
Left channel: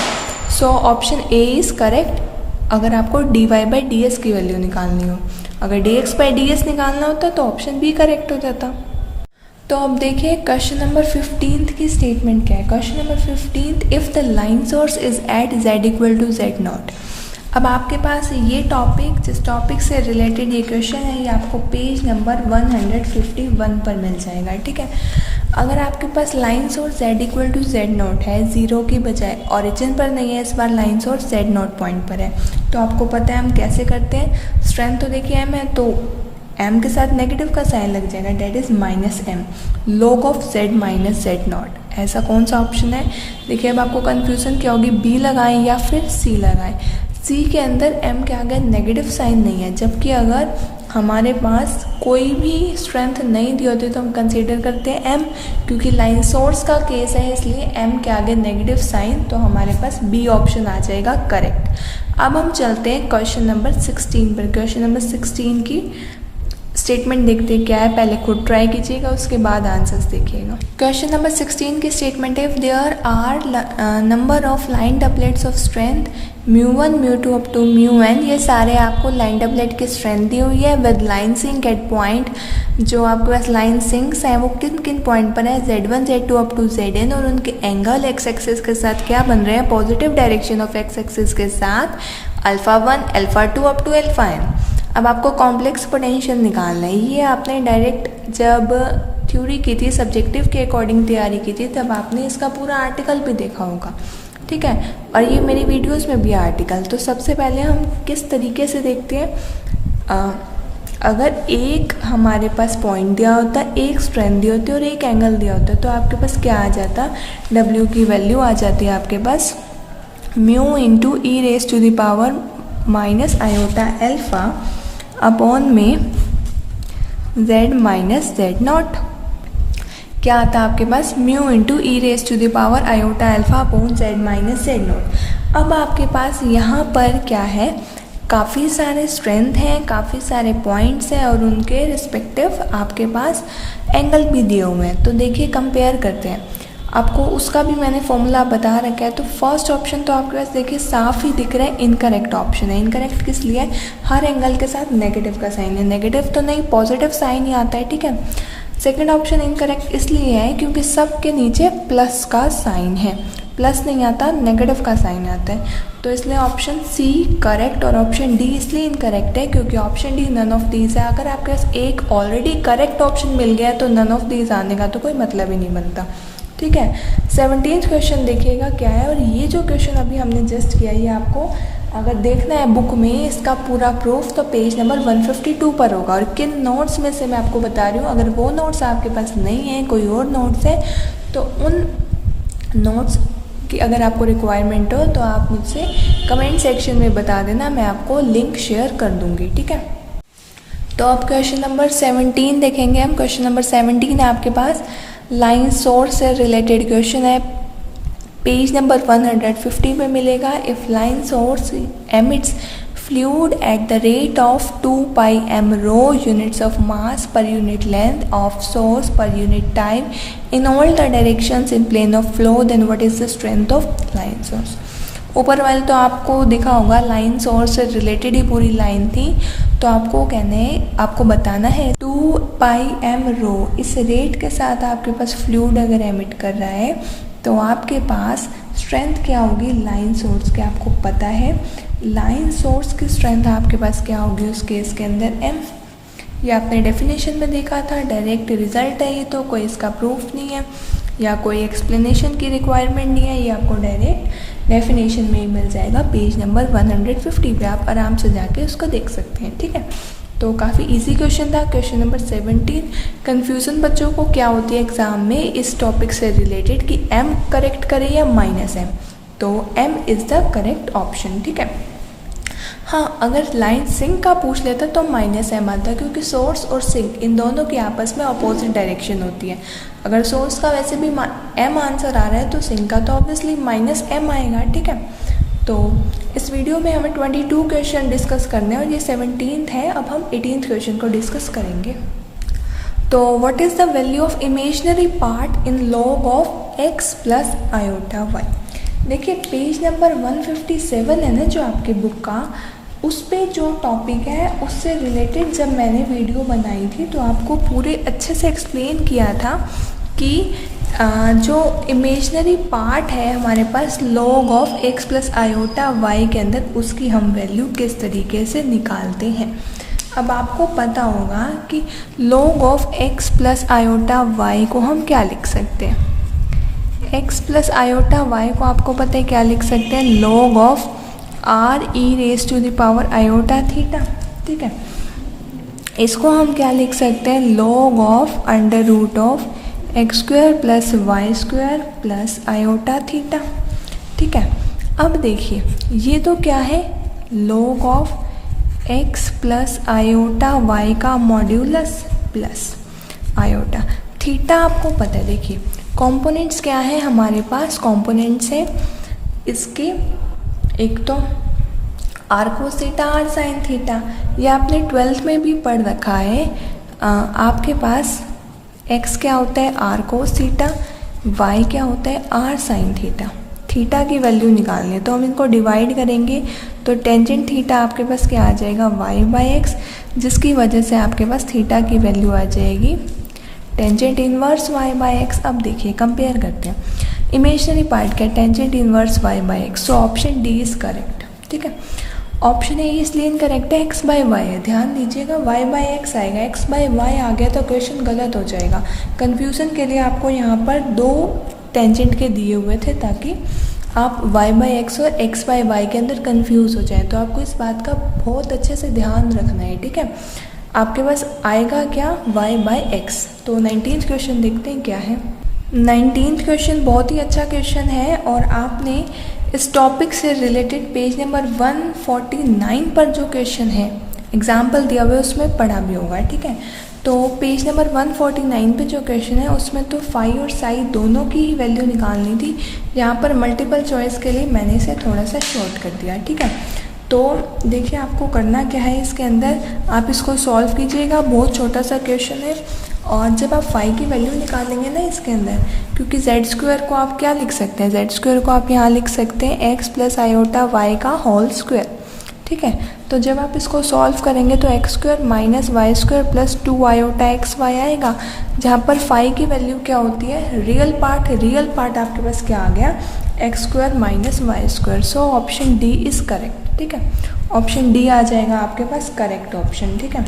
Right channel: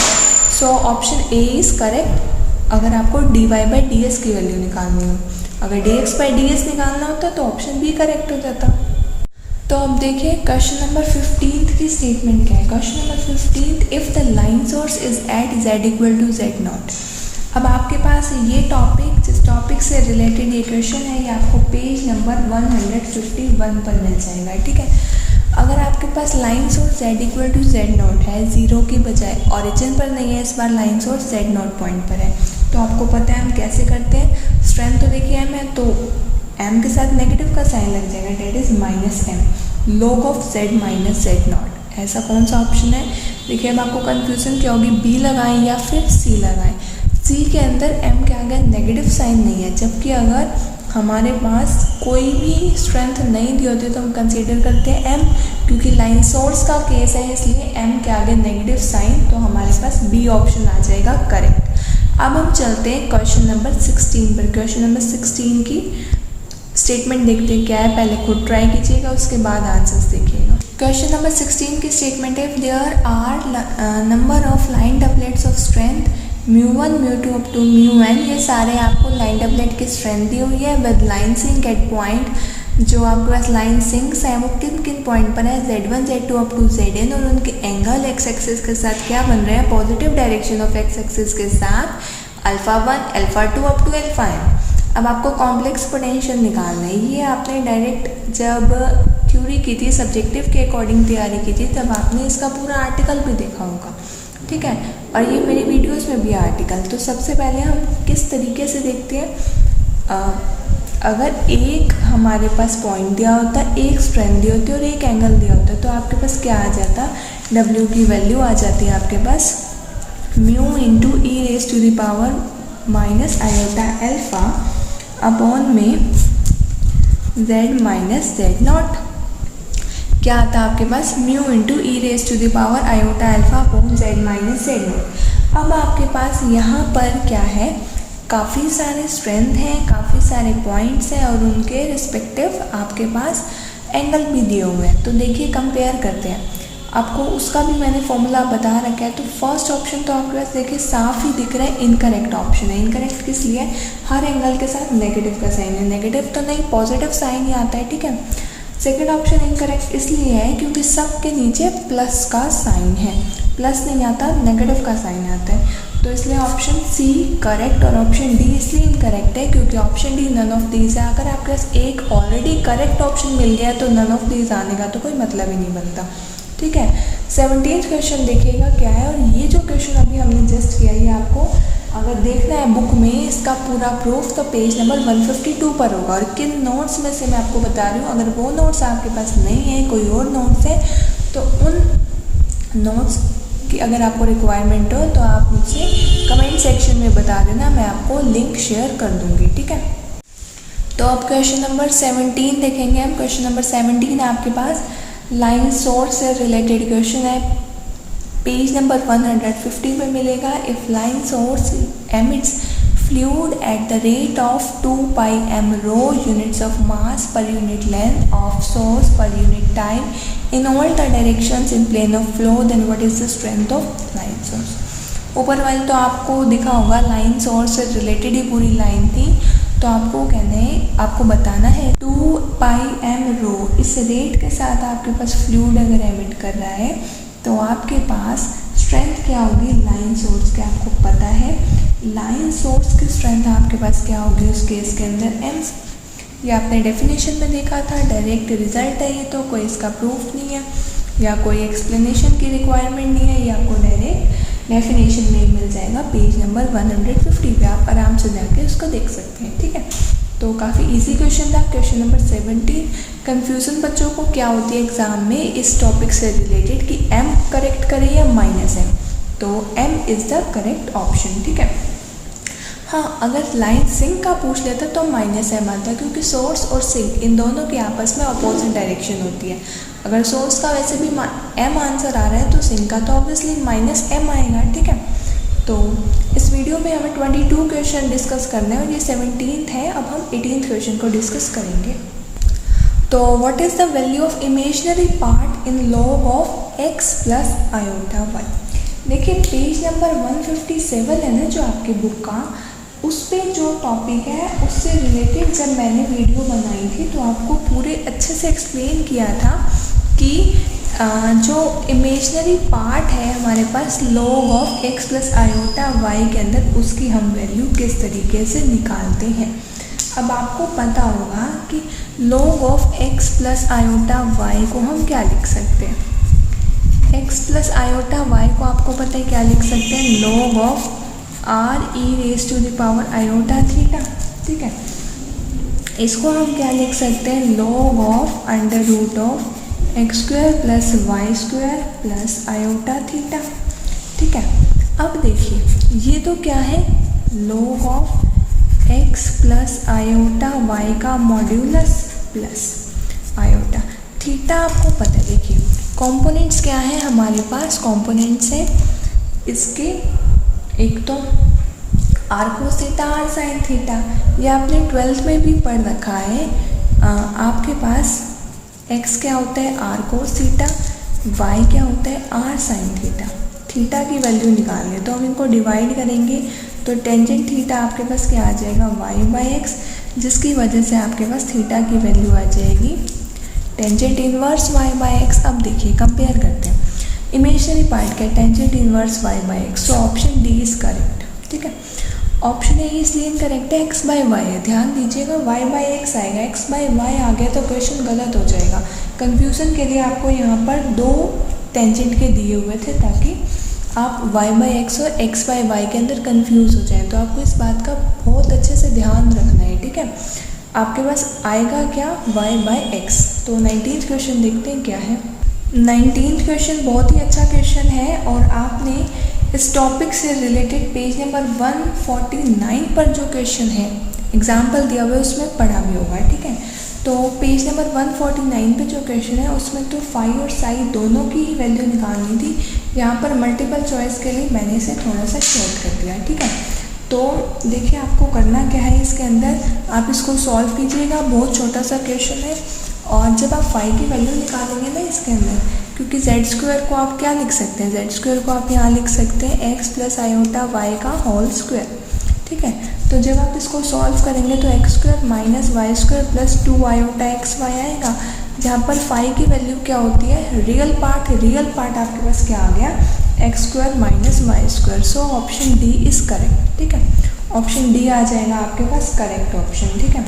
so option A is correct अगर आपको dy/ds की वैल्यू निकालनी हो। अगर dx/ds निकालना होता तो ऑप्शन बी करेक्ट हो जाता। तो अब देखिए क्वेश्चन नंबर 15th की स्टेटमेंट क्या है। Question number 15th, if the line source is at z equal to z0। अब आपके पास ये टॉपिक, जिस टॉपिक से रिलेटेड ये क्वेश्चन है, ये आपको पेज नंबर 151 पर मिल जाएगा। ठीक है, अगर आपके पास line source z equal to z0 है, जीरो की बजाय, ओरिजिन पर नहीं है इस बार, लाइन सोर्स z0 पॉइंट पर है, तो आपको पता है हम कैसे करते हैं। स्ट्रेंथ तो देखिए m है, तो m के साथ नेगेटिव का साइन लग जाएगा, that is -m, log of z minus z0। ऐसा कौन सा ऑप्शन है, देखिए अब आपको कंफ्यूजन क्या होगी, b लगाएं या फिर c लगाएं। c के अंदर m के आगे नेगेटिव साइन नहीं है, जबकि अगर हमारे पास कोई भी स्ट्रेंथ नहीं दी होती तो हम कंसीडर करते हैं m, क्योंकि लाइन सोर्स का केस है इसलिए m के आगे नेगेटिव साइन, तो हमारे पास b ऑप्शन आ जाएगा करेक्ट। अब हम चलते हैं क्वेश्चन नंबर 16 पर। क्वेश्चन नंबर 16 की स्टेटमेंट देखते हैं क्या है, पहले खुद ट्राई कीजिएगा उसके बाद आंसर्स देखिएगा। क्वेश्चन नंबर 16 की स्टेटमेंट है, if there are number of line doublets of strength μ1 μ2 up to μn, ये सारे आपको लाइन डबलेट की स्ट्रेंथ दी हुई है with line sink at point, जो आपके पास लाइन सिंक्स हैं वो किन किन पॉइंट पर है, z1 z2 up to zn, और उनके एंगल x एक्सिस के साथ क्या बन रहे हैं, positive direction of x axis के साथ α1 α2 अप टू αm। अब आपको कॉम्प्लेक्स पोटेंशियल निकालना है। ये आपने डायरेक्ट जब थ्योरी की थी, सब्जेक्टिव के अकॉर्डिंग तैयारी की थी, तब आपने इसका पूरा आर्टिकल भी देखा होगा। ठीक है, और ये मेरी वीडियोस में भी आर्टिकल। तो सबसे पहले हम किस तरीके से देखते हैं, अगर एक हमारे पास पॉइंट दिया होता, एक स्ट्रेंथ दी होती और एक एंगल दिया होता, तो आपके पास क्या आ जाता, W की वैल्यू आ जाती है आपके पास μ इंटू e⁻−i⁴ अपॉन में z माइनस z0। क्या आता है आपके पास, μ into e⁻i⁴ upon z minus z0। अब आपके पास यहाँ पर क्या है, काफ़ी सारे स्ट्रेंथ हैं, काफ़ी सारे पॉइंट्स हैं और उनके रिस्पेक्टिव आपके पास एंगल भी दिए हुए हैं। तो देखिए कंपेयर करते हैं, आपको उसका भी मैंने फॉर्मूला बता रखा है। तो फर्स्ट ऑप्शन तो आपके पास देखिए साफ ही दिख रहा है, इनकरेक्ट ऑप्शन है। इनकरेक्ट किस लिए, हर एंगल के साथ नेगेटिव का साइन है, नेगेटिव तो नहीं पॉजिटिव साइन ही आता है। ठीक है, सेकंड ऑप्शन इनकरेक्ट इसलिए है क्योंकि सब के नीचे प्लस का साइन है, प्लस नहीं आता, नेगेटिव का साइन आता है, तो इसलिए ऑप्शन सी करेक्ट। और ऑप्शन डी इसलिए इनकरेक्ट है क्योंकि option D none of these है। अगर आपके पास एक ऑलरेडी करेक्ट ऑप्शन मिल गया है तो नन ऑफ दीज आने का तो कोई मतलब ही नहीं बनता। ठीक है, 17th क्वेश्चन देखिएगा क्या है। और ये जो क्वेश्चन अभी हमने जस्ट किया, ये आपको अगर देखना है बुक में इसका पूरा प्रूफ, तो पेज नंबर 152 पर होगा। और किन नोट्स में से मैं आपको बता रही हूँ, अगर वो नोट्स आपके पास नहीं है, कोई और नोट्स है, तो उन नोट्स की अगर आपको रिक्वायरमेंट हो तो आप मुझसे कमेंट सेक्शन में बता देना, मैं आपको लिंक शेयर कर दूँगी। ठीक है, तो अब क्वेश्चन नंबर 17 देखेंगे हम। क्वेश्चन नंबर 17 है आपके पास, लाइन सोर्स से रिलेटेड क्वेश्चन है, पेज नंबर 150 में मिलेगा। If line source emits fluid at the rate of 2 pi m rho units of mass per unit length of source per unit time in all the directions in plane of flow, then what is the strength of line source। ऊपर वाले तो आपको दिखा होगा, line source से related ही पूरी line थी, तो आपको कहने आपको बताना है 2 pi m rho, इस रेट के साथ आपके पास फ्लूइड अगर एमिट कर रहा है तो आपके पास स्ट्रेंथ क्या होगी, लाइन सोर्स की आपको पता है। लाइन सोर्स की स्ट्रेंथ आपके पास क्या होगी उस केस के अंदर, m। ये आपने डेफिनेशन में देखा था, डायरेक्ट रिजल्ट है ये, तो कोई इसका प्रूफ नहीं है या कोई एक्सप्लेनेशन की रिक्वायरमेंट नहीं है, ये आपको डायरेक्ट डेफिनेशन में मिल जाएगा पेज नंबर 150 पे, आप आराम से जाके उसको देख सकते हैं, ठीक है। तो काफ़ी इजी क्वेश्चन था। क्वेश्चन नंबर 17, कन्फ्यूज़न बच्चों को क्या होती है एग्जाम में इस टॉपिक से रिलेटेड कि m करेक्ट करें या -m, तो m is the correct option, ठीक है। हाँ, अगर लाइन सिंक का पूछ लेता तो -m आता, क्योंकि सोर्स और सिंक इन दोनों के आपस में अपोजिट डायरेक्शन होती है। अगर सोर्स का वैसे भी m आंसर आ रहा है तो सिंक का तो ऑब्वियसली -m आएगा, ठीक है। तो इस वीडियो में हमें 22 क्वेश्चन डिस्कस करने हैं और ये 17th है। अब हम 18th क्वेश्चन को डिस्कस करेंगे। तो what is the value of imaginary part in log of x plus iota y। देखिए पेज नंबर 157 है ना जो आपके बुक का, उस पे जो टॉपिक है उससे रिलेटेड जब मैंने वीडियो बनाई थी तो आपको पूरे अच्छे से एक्सप्लेन किया था कि जो इमेजिनरी पार्ट है हमारे पास log of x plus iota y के अंदर, उसकी हम वैल्यू किस तरीके से निकालते हैं। अब आपको पता होगा कि log of x plus iota y को हम क्या लिख सकते हैं। x प्लस आयोटा y को आपको पता है क्या लिख सकते हैं, log of r e raise to the power iota theta, ठीक है। इसको हम क्या लिख सकते हैं, log of under root of x square plus y square plus iota theta, ठीक है। अब देखिए ये तो क्या है, log of x plus iota y का मॉड्यूलस प्लस आयोटा थीटा आपको पता है। देखिए कंपोनेंट्स क्या है हमारे पास, कंपोनेंट्स है इसके एक तो r cos theta r sine theta, ये आपने 12th में भी पढ़ रखा है। आपके पास x क्या होता है आर कोस थीटा, y क्या होता है आर साइन थीटा। थीटा की वैल्यू निकालनी है तो हम इनको डिवाइड करेंगे तो टेंजेंट थीटा आपके पास क्या आ जाएगा y/x, जिसकी वजह से आपके पास थीटा की वैल्यू आ जाएगी टेंजेंट इनवर्स y/x। अब देखिए कंपेयर करते हैं, इमेजिनरी पार्ट का tangent inverse y/x, so option D is correct, ठीक है। ऑप्शन ए इसलिए इनकरेक्ट है, x बाई वाई है, ध्यान दीजिएगा y/x आएगा, x बाई वाई आ गया तो क्वेश्चन गलत हो जाएगा। कंफ्यूजन के लिए आपको यहाँ पर 2 टेंजेंट के दिए हुए थे ताकि आप y/x और x बाई वाई के अंदर कंफ्यूज हो जाए, तो आपको इस बात का बहुत अच्छे से ध्यान रखना है, ठीक है। आपके पास आएगा क्या y/x। तो 19th क्वेश्चन देखते हैं क्या है। 19th क्वेश्चन बहुत ही अच्छा क्वेश्चन है और आपने इस टॉपिक से रिलेटेड पेज नंबर 149 पर जो क्वेश्चन है एग्जाम्पल दिया हुआ है उसमें पढ़ा भी होगा, ठीक है। तो पेज नंबर 149 पे जो क्वेश्चन है उसमें तो फाई और साई दोनों की वैल्यू निकालनी थी। यहाँ पर मल्टीपल चॉइस के लिए मैंने इसे थोड़ा सा शॉर्ट कर दिया, ठीक है। तो देखिए आपको करना क्या है, इसके अंदर आप इसको सॉल्व कीजिएगा, बहुत छोटा सा क्वेश्चन है। और जब आप फाई की वैल्यू निकालेंगे ना इसके अंदर, क्योंकि जेड स्क्वायर को आप क्या लिख सकते हैं, जेड स्क्वायर को आप यहाँ लिख सकते हैं एक्स प्लस आयोटा वाई का होल स्क्वायर, ठीक है। तो जब आप इसको सॉल्व करेंगे तो x square minus y square plus 2 iota x y आएगा, जहाँ पर फाई की वैल्यू क्या होती है, रियल पार्ट आपके पास क्या आ गया, x square minus y square. So option D is correct, ठीक है। ऑप्शन डी आ जाएगा आपके पास करेक्ट ऑप्शन, ठीक है।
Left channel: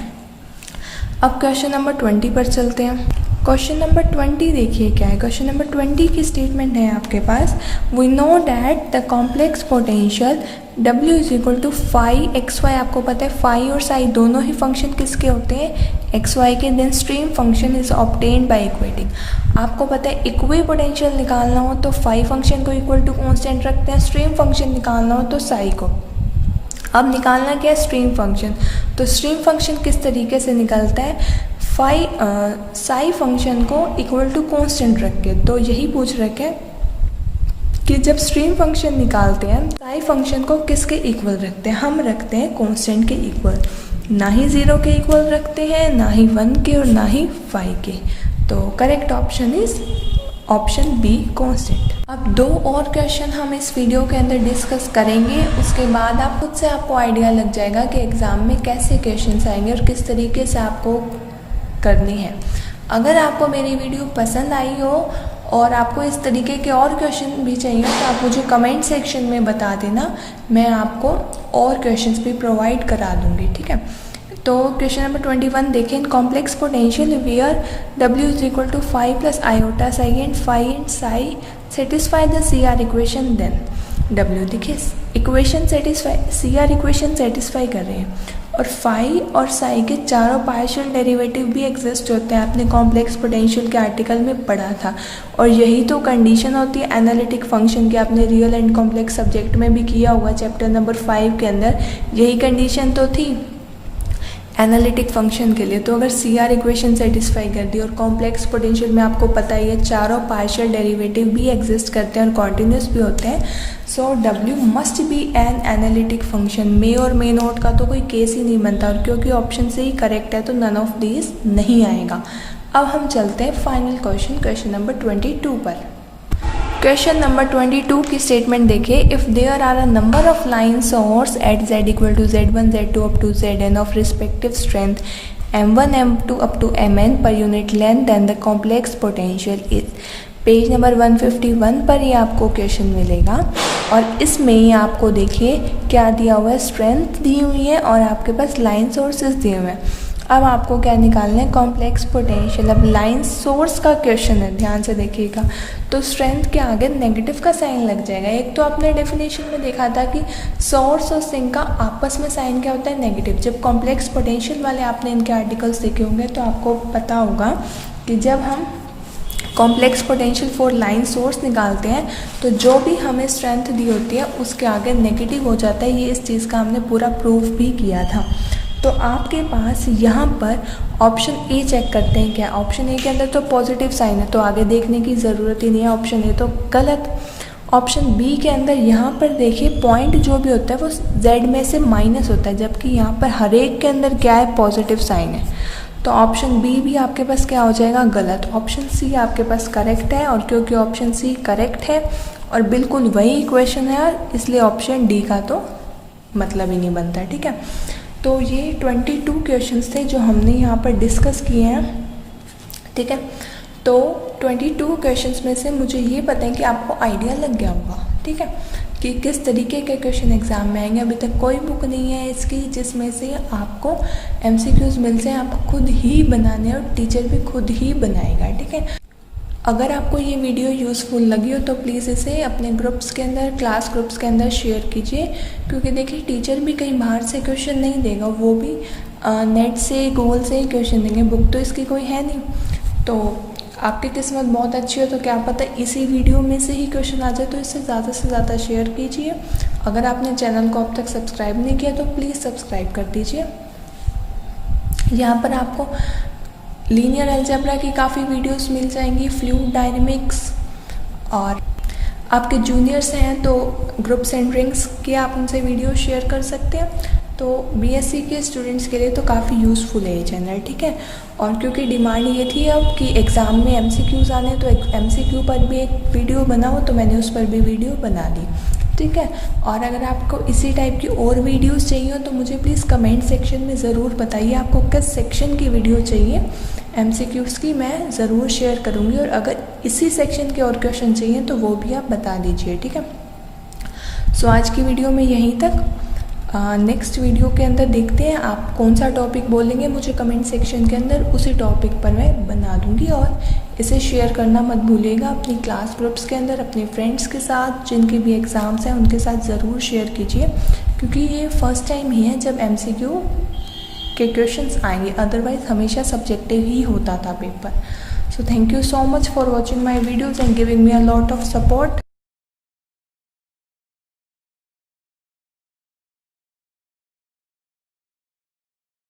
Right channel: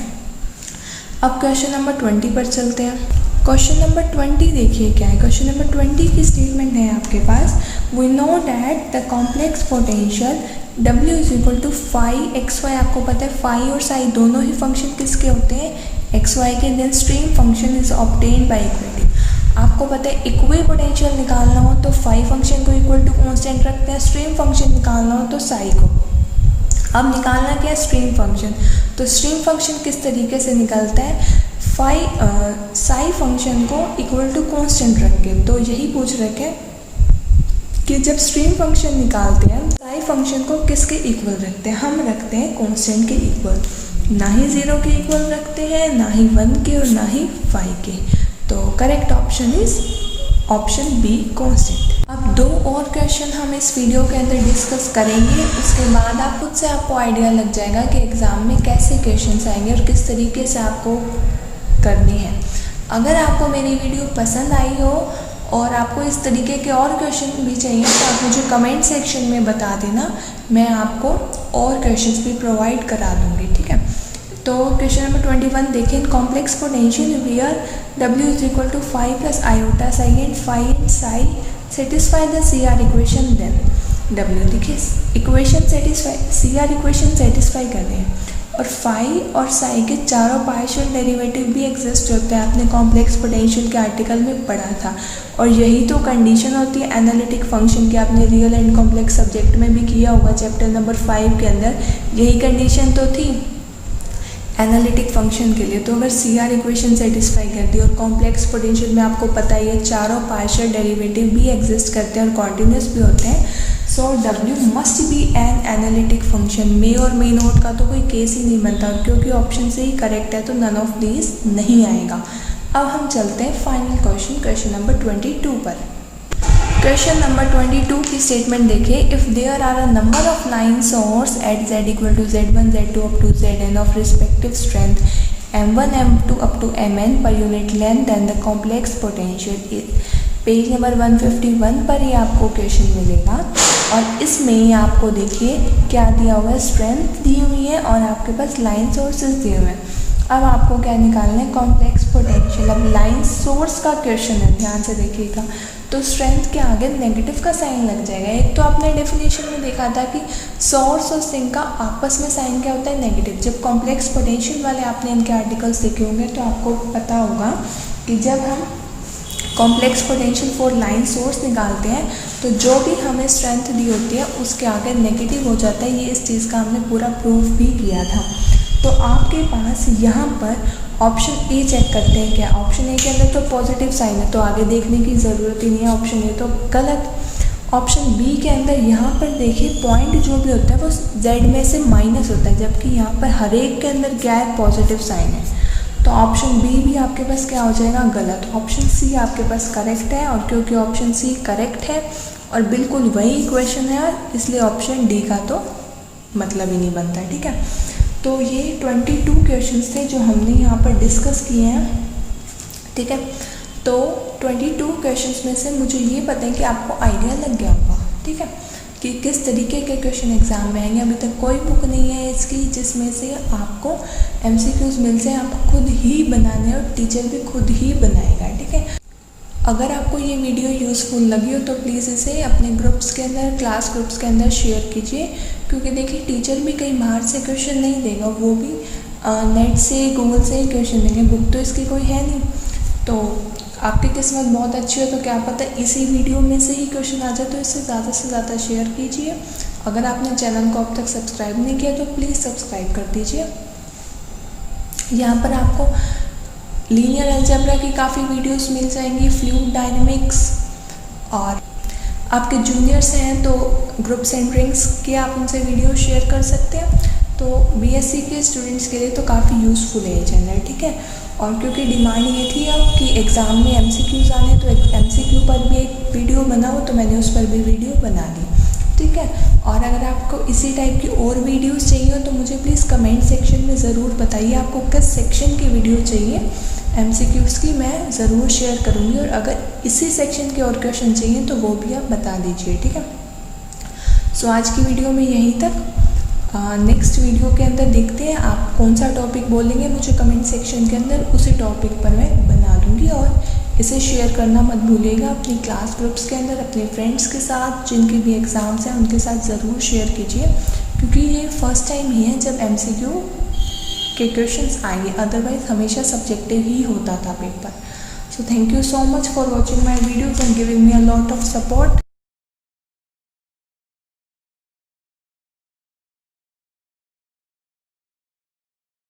अब क्वेश्चन नंबर 20 पर चलते हैं। क्वेश्चन नंबर 20 देखिए क्या है। क्वेश्चन नंबर 20 की स्टेटमेंट है आपके पास, we know that the complex potential W is equal to phi x y. आपको पता है फाई और साई दोनों ही फंक्शन किसके होते हैं, एक्स वाई के। Then stream function is obtained by equating. आपको पता है इक्वी पोटेंशियल निकालना हो तो फाई फंक्शन को इक्वल टू कॉन्स्टेंट रखते हैं, स्ट्रीम फंक्शन निकालना हो तो साई को। अब निकालना क्या है, स्ट्रीम फंक्शन। तो स्ट्रीम फंक्शन किस तरीके से निकलता है, साई फंक्शन को इक्वल टू कांस्टेंट रख के। तो यही पूछ रखे कि जब स्ट्रीम फंक्शन निकालते हैं साई फंक्शन को किसके इक्वल रखते हैं, हम रखते हैं कांस्टेंट के इक्वल, ना ही 0 के इक्वल रखते हैं, ना ही 1 के और ना ही 5 के। तो correct option is option be constant. अब 2 और क्वेश्चन हम इस वीडियो के अंदर डिस्कस करेंगे, उसके बाद आप खुद से आपको आइडिया लग जाएगा कि एग्ज़ाम में कैसे क्वेश्चंस आएंगे और किस तरीके से आपको करनी है। अगर आपको मेरी वीडियो पसंद आई हो और आपको इस तरीके के और क्वेश्चन भी चाहिए तो आप मुझे कमेंट सेक्शन में बता देना, मैं आपको और क्वेश्चंस भी प्रोवाइड करा दूँगी, ठीक है। तो क्वेश्चन नंबर 21 देखें, in complex potential where W is equal to 5 plus iota psi and phi and psi satisfy the CR equation then. W देखिए equation satisfy, CR equation satisfy कर रहे हैं और फाई और साई के चारों पार्शियल डेरिवेटिव भी एग्जिस्ट होते हैं, आपने कॉम्प्लेक्स पोटेंशियल के आर्टिकल में पढ़ा था। और यही तो कंडीशन होती है एनालिटिक फंक्शन की, आपने रियल एंड कॉम्प्लेक्स सब्जेक्ट में भी किया होगा चैप्टर नंबर 5 के अंदर, यही कंडीशन तो थी एनालिटिक फंक्शन के लिए। तो अगर CR इक्वेशन सेटिस्फाई कर दी और कॉम्प्लेक्स पोटेंशियल में आपको पता ही है चारों पार्शियल डेरिवेटिव भी एग्जिस्ट करते हैं और कॉन्टिन्यूस भी होते हैं, so W must be an analytic function. May और मे नोट का तो कोई केस ही नहीं बनता, और क्योंकि ऑप्शन से ही करेक्ट है तो नन ऑफ दीज नहीं आएगा। अब हम चलते हैं फाइनल क्वेश्चन नंबर 22 पर। क्वेश्चन नंबर 22 की स्टेटमेंट देखिए, if there are a number of line source at z equal to z1 z2 up to zn of respective strength m1 m2 up to mn पर unit length, then the complex potential is. Page number 151 पर ही आपको question मिलेगा और इसमें ही आपको देखिए क्या दिया हुआ है, स्ट्रेंथ दी हुई है और आपके पास लाइन सोर्सेज दिए हुए हैं। अब आपको क्या निकालना है, कॉम्प्लेक्स पोटेंशियल। अब लाइन सोर्स का क्वेश्चन है, ध्यान से देखिएगा, तो स्ट्रेंथ के आगे नेगेटिव का साइन लग जाएगा। एक तो आपने डेफिनेशन में देखा था कि सोर्स और सिंक का आपस में साइन क्या होता है, नेगेटिव। जब कॉम्प्लेक्स पोटेंशियल वाले आपने इनके आर्टिकल्स देखे होंगे तो आपको पता होगा कि जब हम complex potential for line source निकालते हैं तो जो भी हमें स्ट्रेंथ दी होती है उसके आगे नेगेटिव हो जाता है। ये इस चीज़ का हमने पूरा प्रूफ भी किया था। तो आपके पास यहाँ पर ऑप्शन ए चेक करते हैं, क्या ऑप्शन ए के अंदर तो पॉजिटिव साइन है तो आगे देखने की ज़रूरत ही नहीं है, ऑप्शन ए तो गलत। ऑप्शन बी के अंदर यहाँ पर देखिए पॉइंट जो भी होता है वो जेड में से माइनस होता है, जबकि यहाँ पर हर एक के अंदर क्या है, पॉजिटिव साइन है। तो ऑप्शन बी भी आपके पास क्या हो जाएगा, गलत। ऑप्शन सी आपके पास करेक्ट है, और क्योंकि ऑप्शन सी करेक्ट है और बिल्कुल वही इक्वेशन है यार, इसलिए ऑप्शन डी का तो मतलब ही नहीं बनता, ठीक है। तो ये 22 क्वेश्चंस थे जो हमने यहाँ पर डिस्कस किए हैं, ठीक है। तो 22 क्वेश्चंस में से मुझे ये पता है कि आपको आइडिया लग गया होगा, ठीक है, कि किस तरीके के क्वेश्चन एग्जाम में आएंगे। अभी तक कोई बुक नहीं है इसकी जिसमें से आपको MCQs मिल जाए, आपको खुद ही बनाने और टीचर भी खुद ही बनाएगा, ठीक है। अगर आपको ये वीडियो यूज़फुल लगी हो तो प्लीज़ इसे अपने ग्रुप्स के अंदर, क्लास ग्रुप्स के अंदर शेयर कीजिए, क्योंकि देखिए टीचर भी कहीं बाहर से क्वेश्चन नहीं देगा, वो भी नेट से, गूगल से ही क्वेश्चन देंगे, बुक तो इसकी कोई है नहीं। तो आपकी किस्मत बहुत अच्छी हो तो क्या पता इसी वीडियो में से ही क्वेश्चन आ जाए, तो इसे ज़्यादा से ज़्यादा शेयर कीजिए। अगर आपने चैनल को अब तक सब्सक्राइब नहीं किया तो प्लीज़ सब्सक्राइब कर दीजिए। यहाँ पर आपको लीनियर अलजेब्रा की काफ़ी वीडियोस मिल जाएंगी, फ्लूइड डायनेमिक्स, और आपके जूनियर्स हैं तो ग्रुप सेंटरिंग्स की आप उनसे वीडियो शेयर कर सकते हैं। तो BSc के स्टूडेंट्स के लिए तो काफ़ी यूज़फुल है ये चैनल, ठीक है। और क्योंकि डिमांड ये थी अब कि एग्ज़ाम में MCQs आने, तो MCQ पर भी एक वीडियो बनाओ, तो मैंने उस पर भी वीडियो बना दी, ठीक है। और अगर आपको इसी टाइप की और वीडियोस चाहिए हो तो मुझे प्लीज़ कमेंट सेक्शन में ज़रूर बताइए आपको किस सेक्शन की वीडियो चाहिए। MCQs की मैं ज़रूर शेयर करूँगी, और अगर इसी सेक्शन के और क्वेश्चन चाहिए तो वो भी आप बता दीजिए, ठीक है। सो आज की वीडियो में यहीं तक। नेक्स्ट वीडियो के अंदर देखते हैं आप कौन सा टॉपिक बोलेंगे, मुझे कमेंट सेक्शन के अंदर उसी टॉपिक पर मैं बना दूँगी। और इसे शेयर करना मत भूलिएगा अपनी क्लास ग्रुप्स के अंदर, अपने फ्रेंड्स के साथ जिनके भी एग्ज़ाम्स हैं उनके साथ ज़रूर शेयर कीजिए, क्योंकि ये फर्स्ट टाइम ही है जब MCQ के क्वेश्चंस आएंगे, अदरवाइज हमेशा सब्जेक्टिव ही होता था paper. So thank you so much for watching my videos and giving me a lot of support.